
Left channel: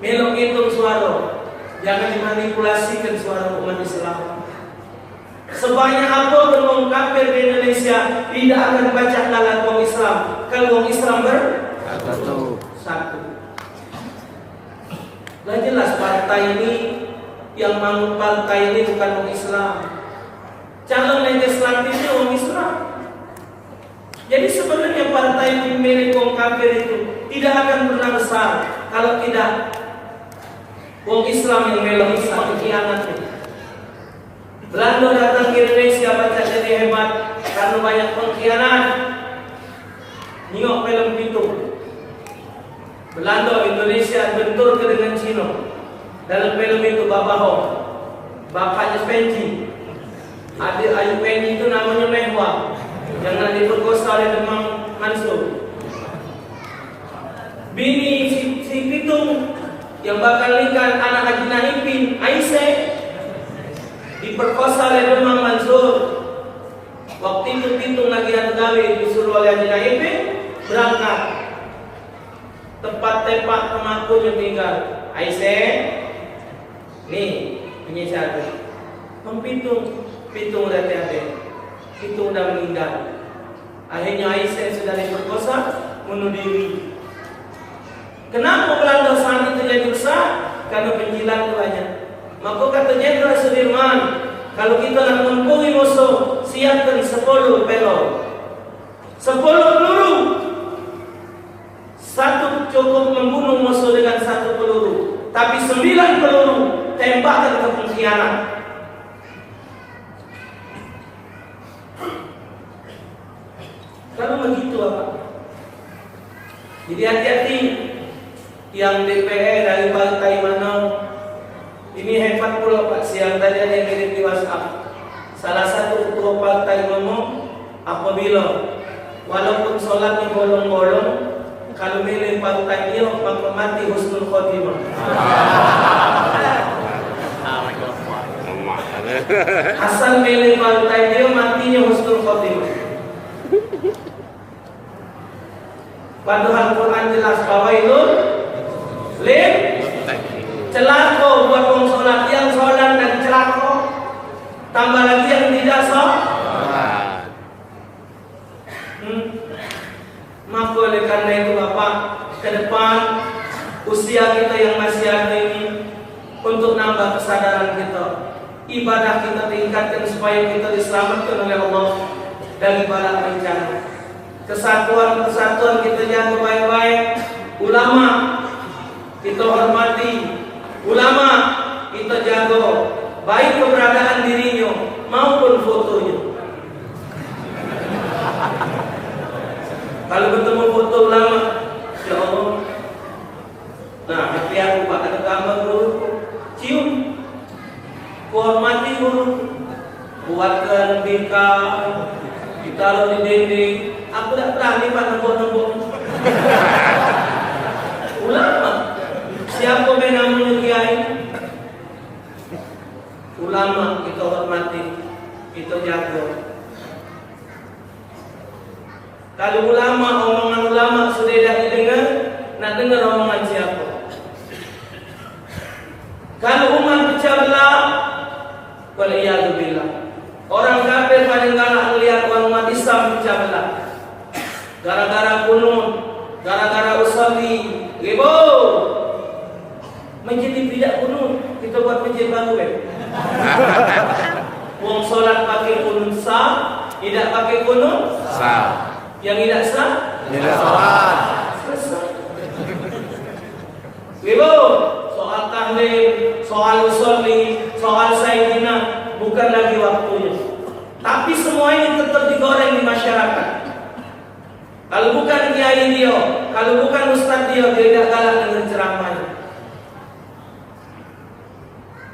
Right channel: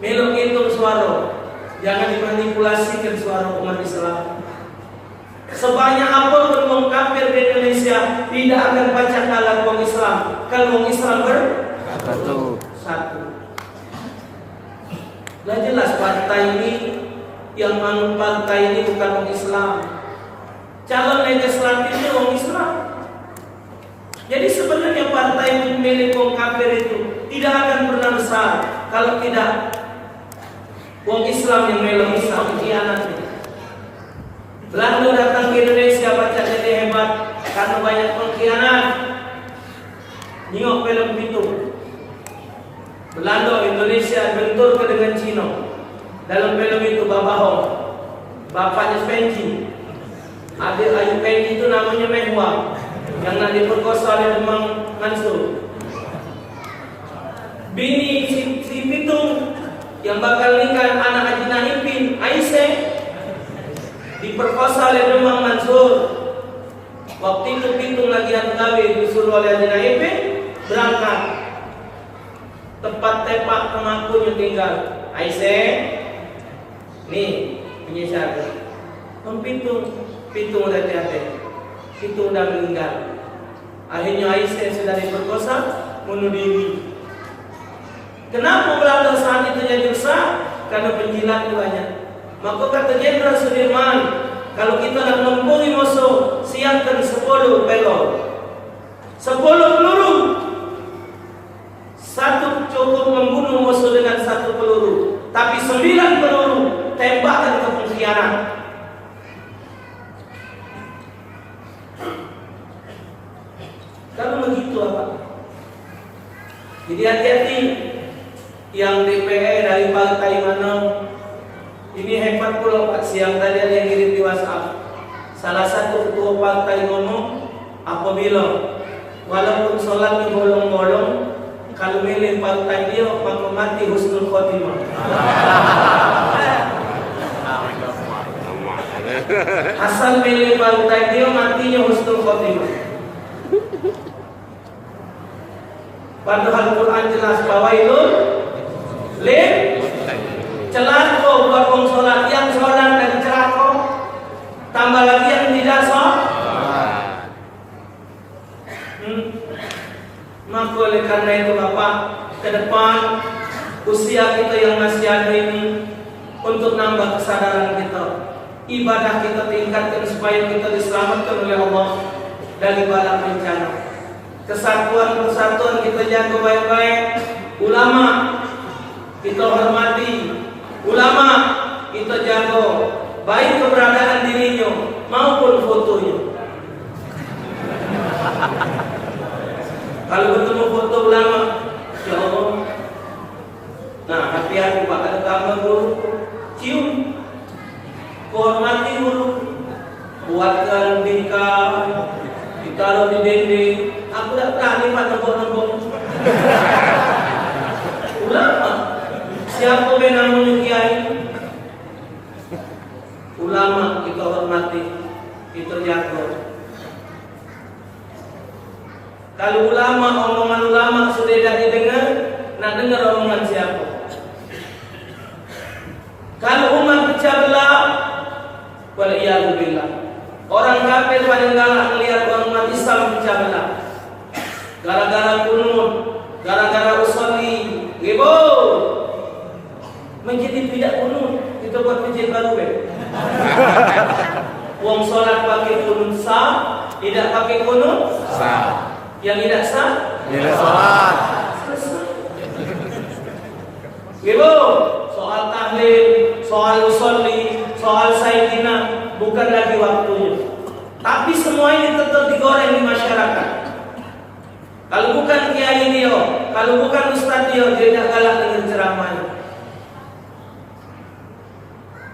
Melok hitung suara, jangan dimanipulasikan suara umat Islam. Sebanyak apapun orang kafir di Indonesia tidak akan baca kalam orang Islam. Kalau orang Islam satu. Lah jelas partai ini yang bangun partai ini bukan orang Islam. Calon legislatifnya orang Islam. Jadi sebenarnya partai milik orang kafir itu tidak akan pernah besar kalau tidak orang Islam yang melok Islam khianat. Belanda datang ke Indonesia baca jadi hebat karena banyak pengkhianat. Nyok film itu. Belanda Indonesia bentur ke dengan Cina. Dalam film itu Baba Hong, bapaknya Penji, adik Ayu Penji itu namanya Mehwa, yang nak diperkosa oleh Demang Mansur. Bini si Pitung yang bakal nikah anak Haji Naipin, Aisyah, diperkosa oleh Demang Mansur. Waktu itu Pitung lagi nak kawin, disuruh oleh Haji Naipin berangkat. Tempat tepak kemakunya tinggal Aisyah. Nih, penyisat. Pitung udah tiada. Pitung udah meninggal. Akhirnya Aisyah sudah diperkosa, bunuh diri. Kenapa Belanda saat itu jadi rusak? Karena penjilat banyak. Maka kata Jenderal Sudirman, kalau kita nak mempunyai musuh, siapkan 10 pelor, 10 peluru. cukup membunuh musuh dengan 1 peluru, tapi 9 peluru tembakan ke pengkhianat. Kalau begitu apa? Jadi hati-hati yang DPR dari partai mana. Ini hebat pula Pak, siang tadi ada yang kirim di WhatsApp. Salah satu ketua partai ngomong, apabila walaupun sholatnya bolong-bolong, kalau milih partai dia maka mati husnul khotimah. Asal milih partai dia matinya husnul khotimah. Padahal Quran jelas bahwa itu celaka buat orang sholat, yang sholat dan celaka, tambah lagi yang tidak sholat. Maka oleh karena itu Bapak, ke depan usia kita yang masih ada ini, untuk nambah kesadaran kita, ibadah kita tingkatkan supaya kita diselamatkan oleh Allah dari bala bencana. Kesatuan kita jaga baik-baik. Ulama kita hormati, ulama kita jaga, baik keberadaan dirinya maupun fotonya. Kalau bertemu foto ulama, ya Allah, nah hati aku Pak, ada gambar guru, cium, hormati guru, buatkan bingkai, ditaruh di dinding. Aku tak berani Pak nombor-nombor. Ulama, siapa yang namanya kiai? Ulama kita hormati, kita jaga. Kalau ulama, omongan ulama sudah tidak didengar, nak dengar omongan siapa? Kalau umat pecah belah, waliyadzubillah. Orang kafir paling galak melihat orang umat Islam pecah belah. Gara-gara kunut, gara-gara usolli, ribut. Menjadi tidak kunut, kita buat masjid baru kan? Uang solat pakai kunut sah, tidak pakai kunut sah. Yang tidak sah, Tidak sholat. selesai. Ribut, soal tahlil, soal usolli, soal sayyidina, bukan lagi waktunya. Tapi semua ini tetap digoreng di masyarakat. Kalau bukan kiai dia, kalau bukan ustaz dia tidak galak dengan ceramahnya.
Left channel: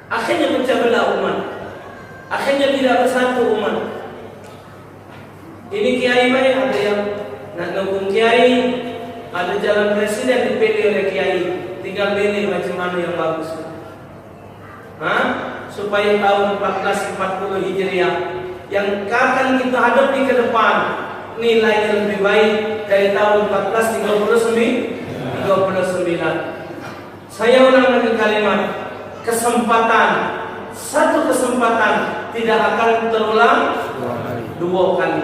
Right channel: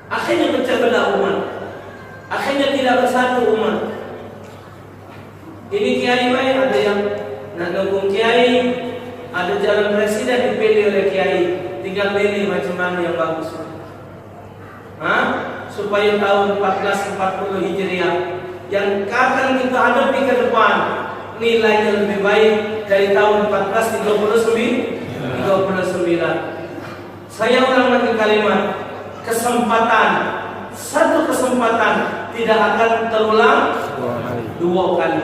Akhirnya pecah belah umat. Akhirnya tidak bersatu umat. Ini kiai main, ada yang nak nunggu kiai, ada jalan presiden dipilih oleh kiai, tinggal pilih macam mana yang bagus. Supaya tahun 1440 Hijriah yang akan kita hadapi ke depan nilainya lebih baik dari tahun 1439. Saya ulang lagi kalimat, satu kesempatan tidak akan terulang 2 kali.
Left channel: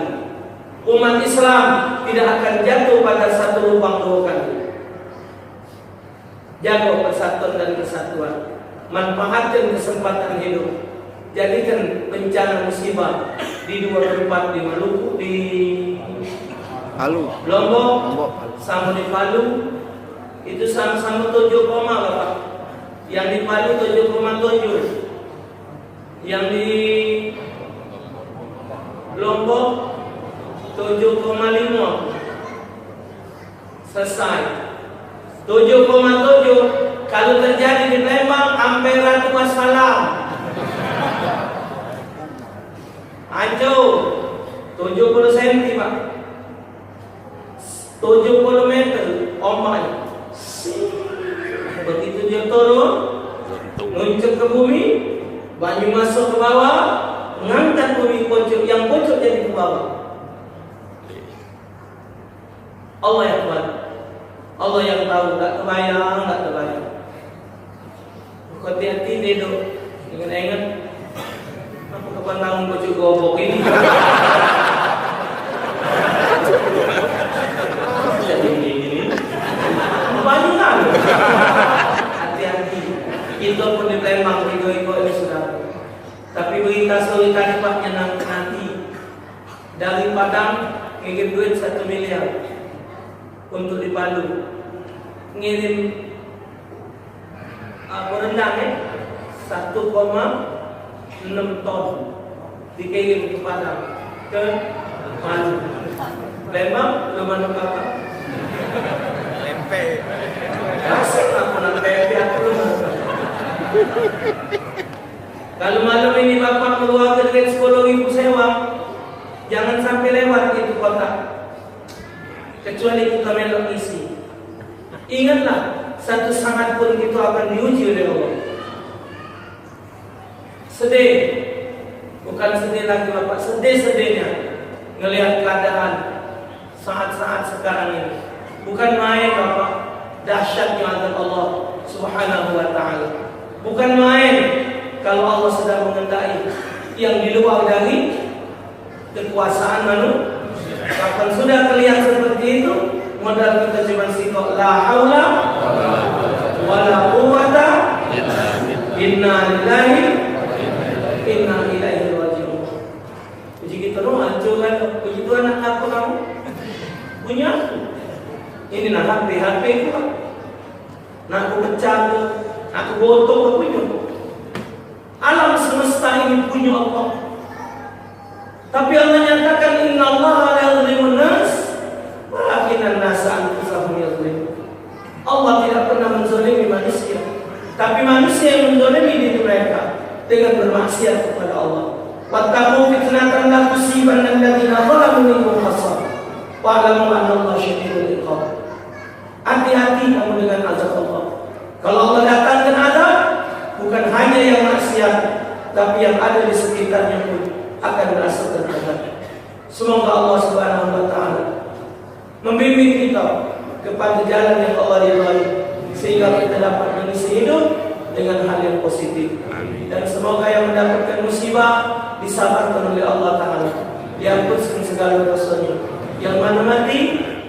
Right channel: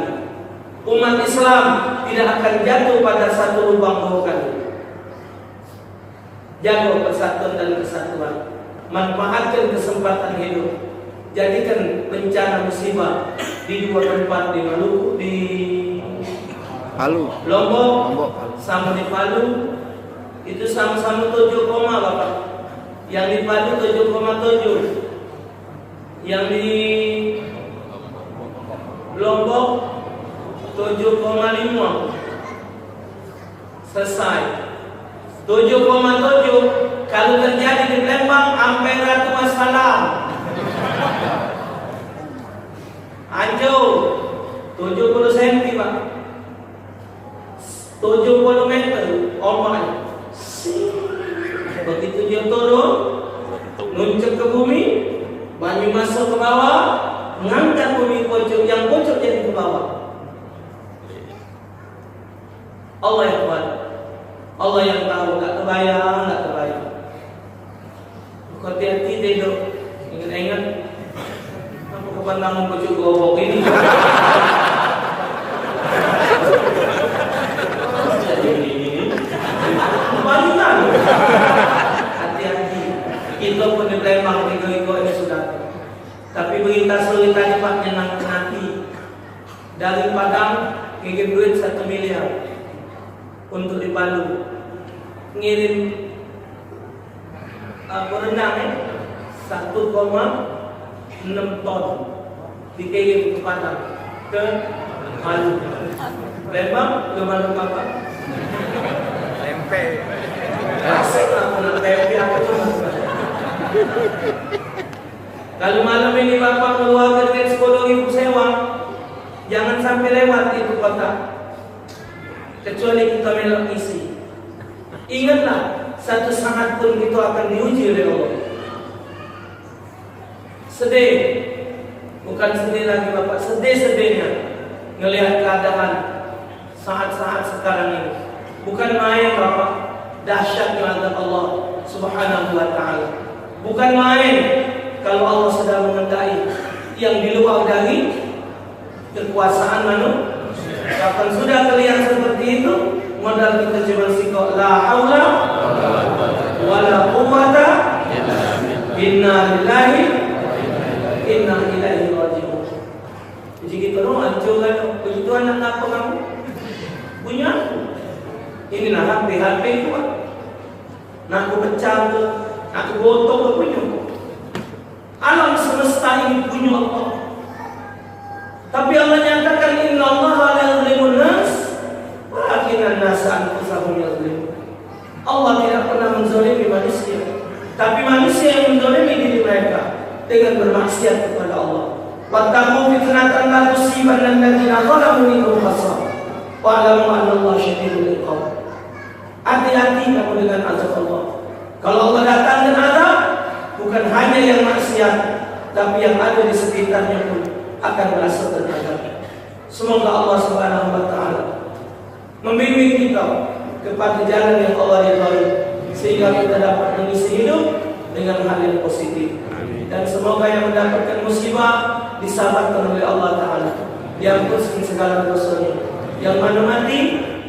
Umat Islam tidak akan jatuh pada satu lubang 2 kali. Jaga persatuan dan kesatuan, manfaatkan kesempatan hidup. Jadikan bencana musibah di 2 tempat, di Maluku, di Palu. Lombok, Palu. sama di Palu. Itu sama-sama 7, Bapak. Yang di Palu 7,7, yang di Lombok 7,5. Selesai. 7,7 kalau terjadi di Palembang, Ampera wassalam. Hancur 70 cm Pak, 70 meter ombaknya. Begitu dia turun, nuncuk ke bumi, banyu masuk ke bawah, mengangkat bumi pojok, yang pojok jadi ke bawah. Allah yang kuat, Allah yang tahu. Tak terbayang. Hati-hati deh dok, ingat-ingat. Aku kapan tamu pojok gobok ini. Jadi ini banyak kan? Hati-hati. Kita pun di Palembang ego-ego ini sudah. Tapi berita sore tadi Pak nanti dari Padang kirim duit 1 miliar untuk di Palu. ngirim rendang 1,6 ton dikirim ke Padang, ke Maluku. Lembang ke mana apa? Lempe. Asik lah anak tempe aku. Kalau malam ini bapak keluar dengan 10.000 sewa, jangan sampai lewat itu kota. Kecuali kita melok isi. Ingatlah, satu saat pun kita akan diuji oleh Allah. Sedih, bukan sedih lagi bapak, sedih-sedihnya ngelihat keadaan saat-saat sekarang ini. Bukan main bapak, dahsyatnya azab Allah Subhanahu wa ta'ala. Bukan main kalau Allah sedang mengendai yang di luar dari kekuasaan manusia. Kapan sudah kelihatan seperti itu, modal kita cuma sikap la haula wala quwwata inna lillahi inna ilaihi raji'un. Jadi kita hancur kan, begitu anak apa kamu punya ini nak HP itu kan, nak aku pecah, nak aku gotong punya. Alam semesta ini punya Allah. Tapi Allah nyatakan inna Allah la yuzlimun nas walakinnan nas anfusahum yuzlimun. Allah tidak pernah menzalimi manusia, tapi manusia yang menzalimi diri mereka dengan bermaksiat kepada Allah. Wattaqu fitnatan la tusibanna alladziina zalamu minkum khassah wa'lamu anna Allah syadidul iqab. Hati-hati kamu dengan azab Allah. Kalau Allah datang dengan azab, bukan hanya yang maksiat, tapi yang ada di sekitarnya pun akan merasa tertekan. Semoga Allah Subhanahu wa ta'ala membimbing kita kepada jalan yang Allah ridhai, sehingga kita dapat mengisi hidup dengan hal yang positif. Dan semoga yang mendapatkan musibah disabarkan oleh Allah Ta'ala, diampunkan segala dosanya. Yang mana mati,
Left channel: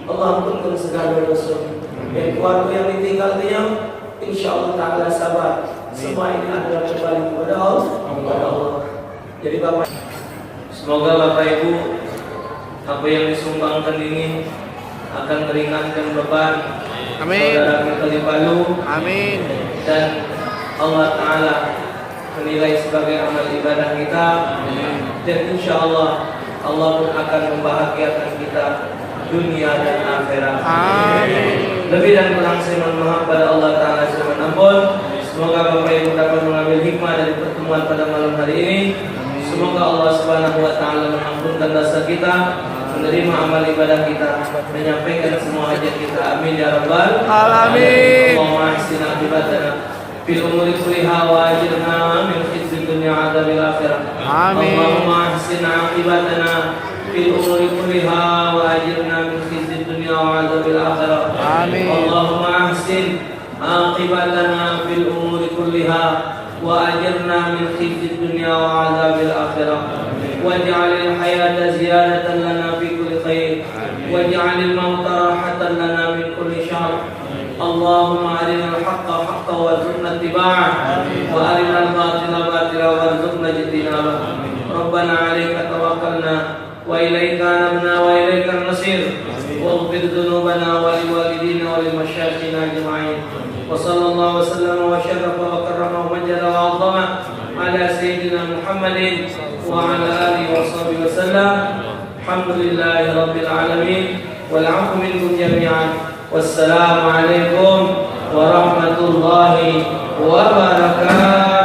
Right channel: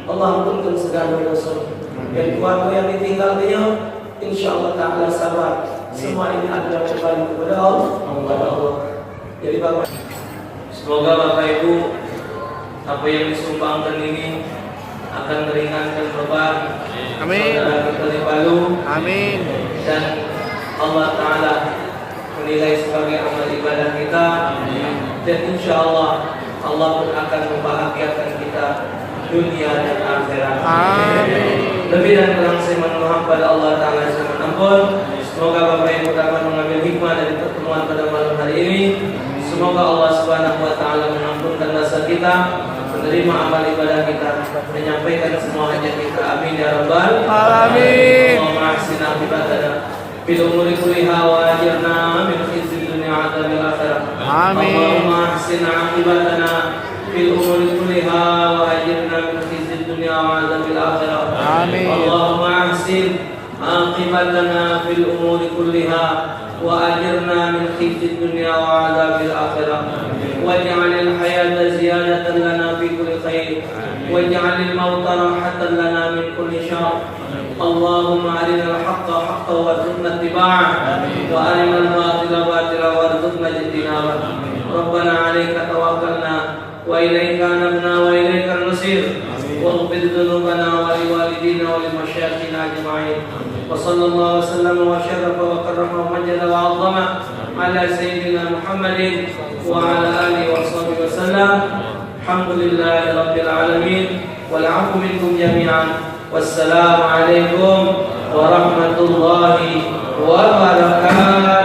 Allah ampunkan segala dosanya. Dan keluarga yang ditinggal dia, insya Allah Ta'ala sabar. Semua ini adalah kembali kepada Allah. Jadi Bapak, semoga Bapak Ibu apa yang disumbangkan ini akan meringankan beban saudara kita di Palu. Amin. Dan Allah Ta'ala menilai sebagai amal ibadah kita. Dan insya Allah Allah pun akan membahagiakan kita dunia dan akhirat. Amin. Lebih dan kurang saya mohon pada Allah Ta'ala yang ampun. Semoga Bapak Ibu dapat mengambil hikmah dari pertemuan pada malam hari ini. Semoga Allah Subhanahu wa ta'ala mengampunkan dosa kita, menerima amal ibadah kita, menyampaikan semua hajat kita. Amin ya rabbal alamin. Allahumma ahsin aqibatana fil umuri kulliha wa ajirna min khizyid dunya wa adzabil akhirah. Amin. Allahumma ahsin aqibatana fil umuri kulliha wa ajirna min khizyid dunya wa adzabil akhirah. Amin. Allahumma ahsin aqibatana fil umuri kulliha وأجرنا من خزي الدنيا وعذاب الآخرة واجعل الحياة زيادة لنا في كل خير واجعل الموت راحة لنا من كل شر اللهم أرنا الحق حقا وارزقنا اتباعه وأرنا الباطل باطلا وارزقنا اجتنابه ربنا عليك توكلنا وإليك أنبنا وإليك المصير واغفر ذنوبنا ولوالدينا ولمشايخنا أجمعين وصلى الله وسلم وشرف وكرم ومجد وعظم على سيدنا محمد وعلى آله وصحبه وسلم الحمد لله رب العالمين والعفو منكم جميعا والسلام عليكم ورحمة الله وبركاته.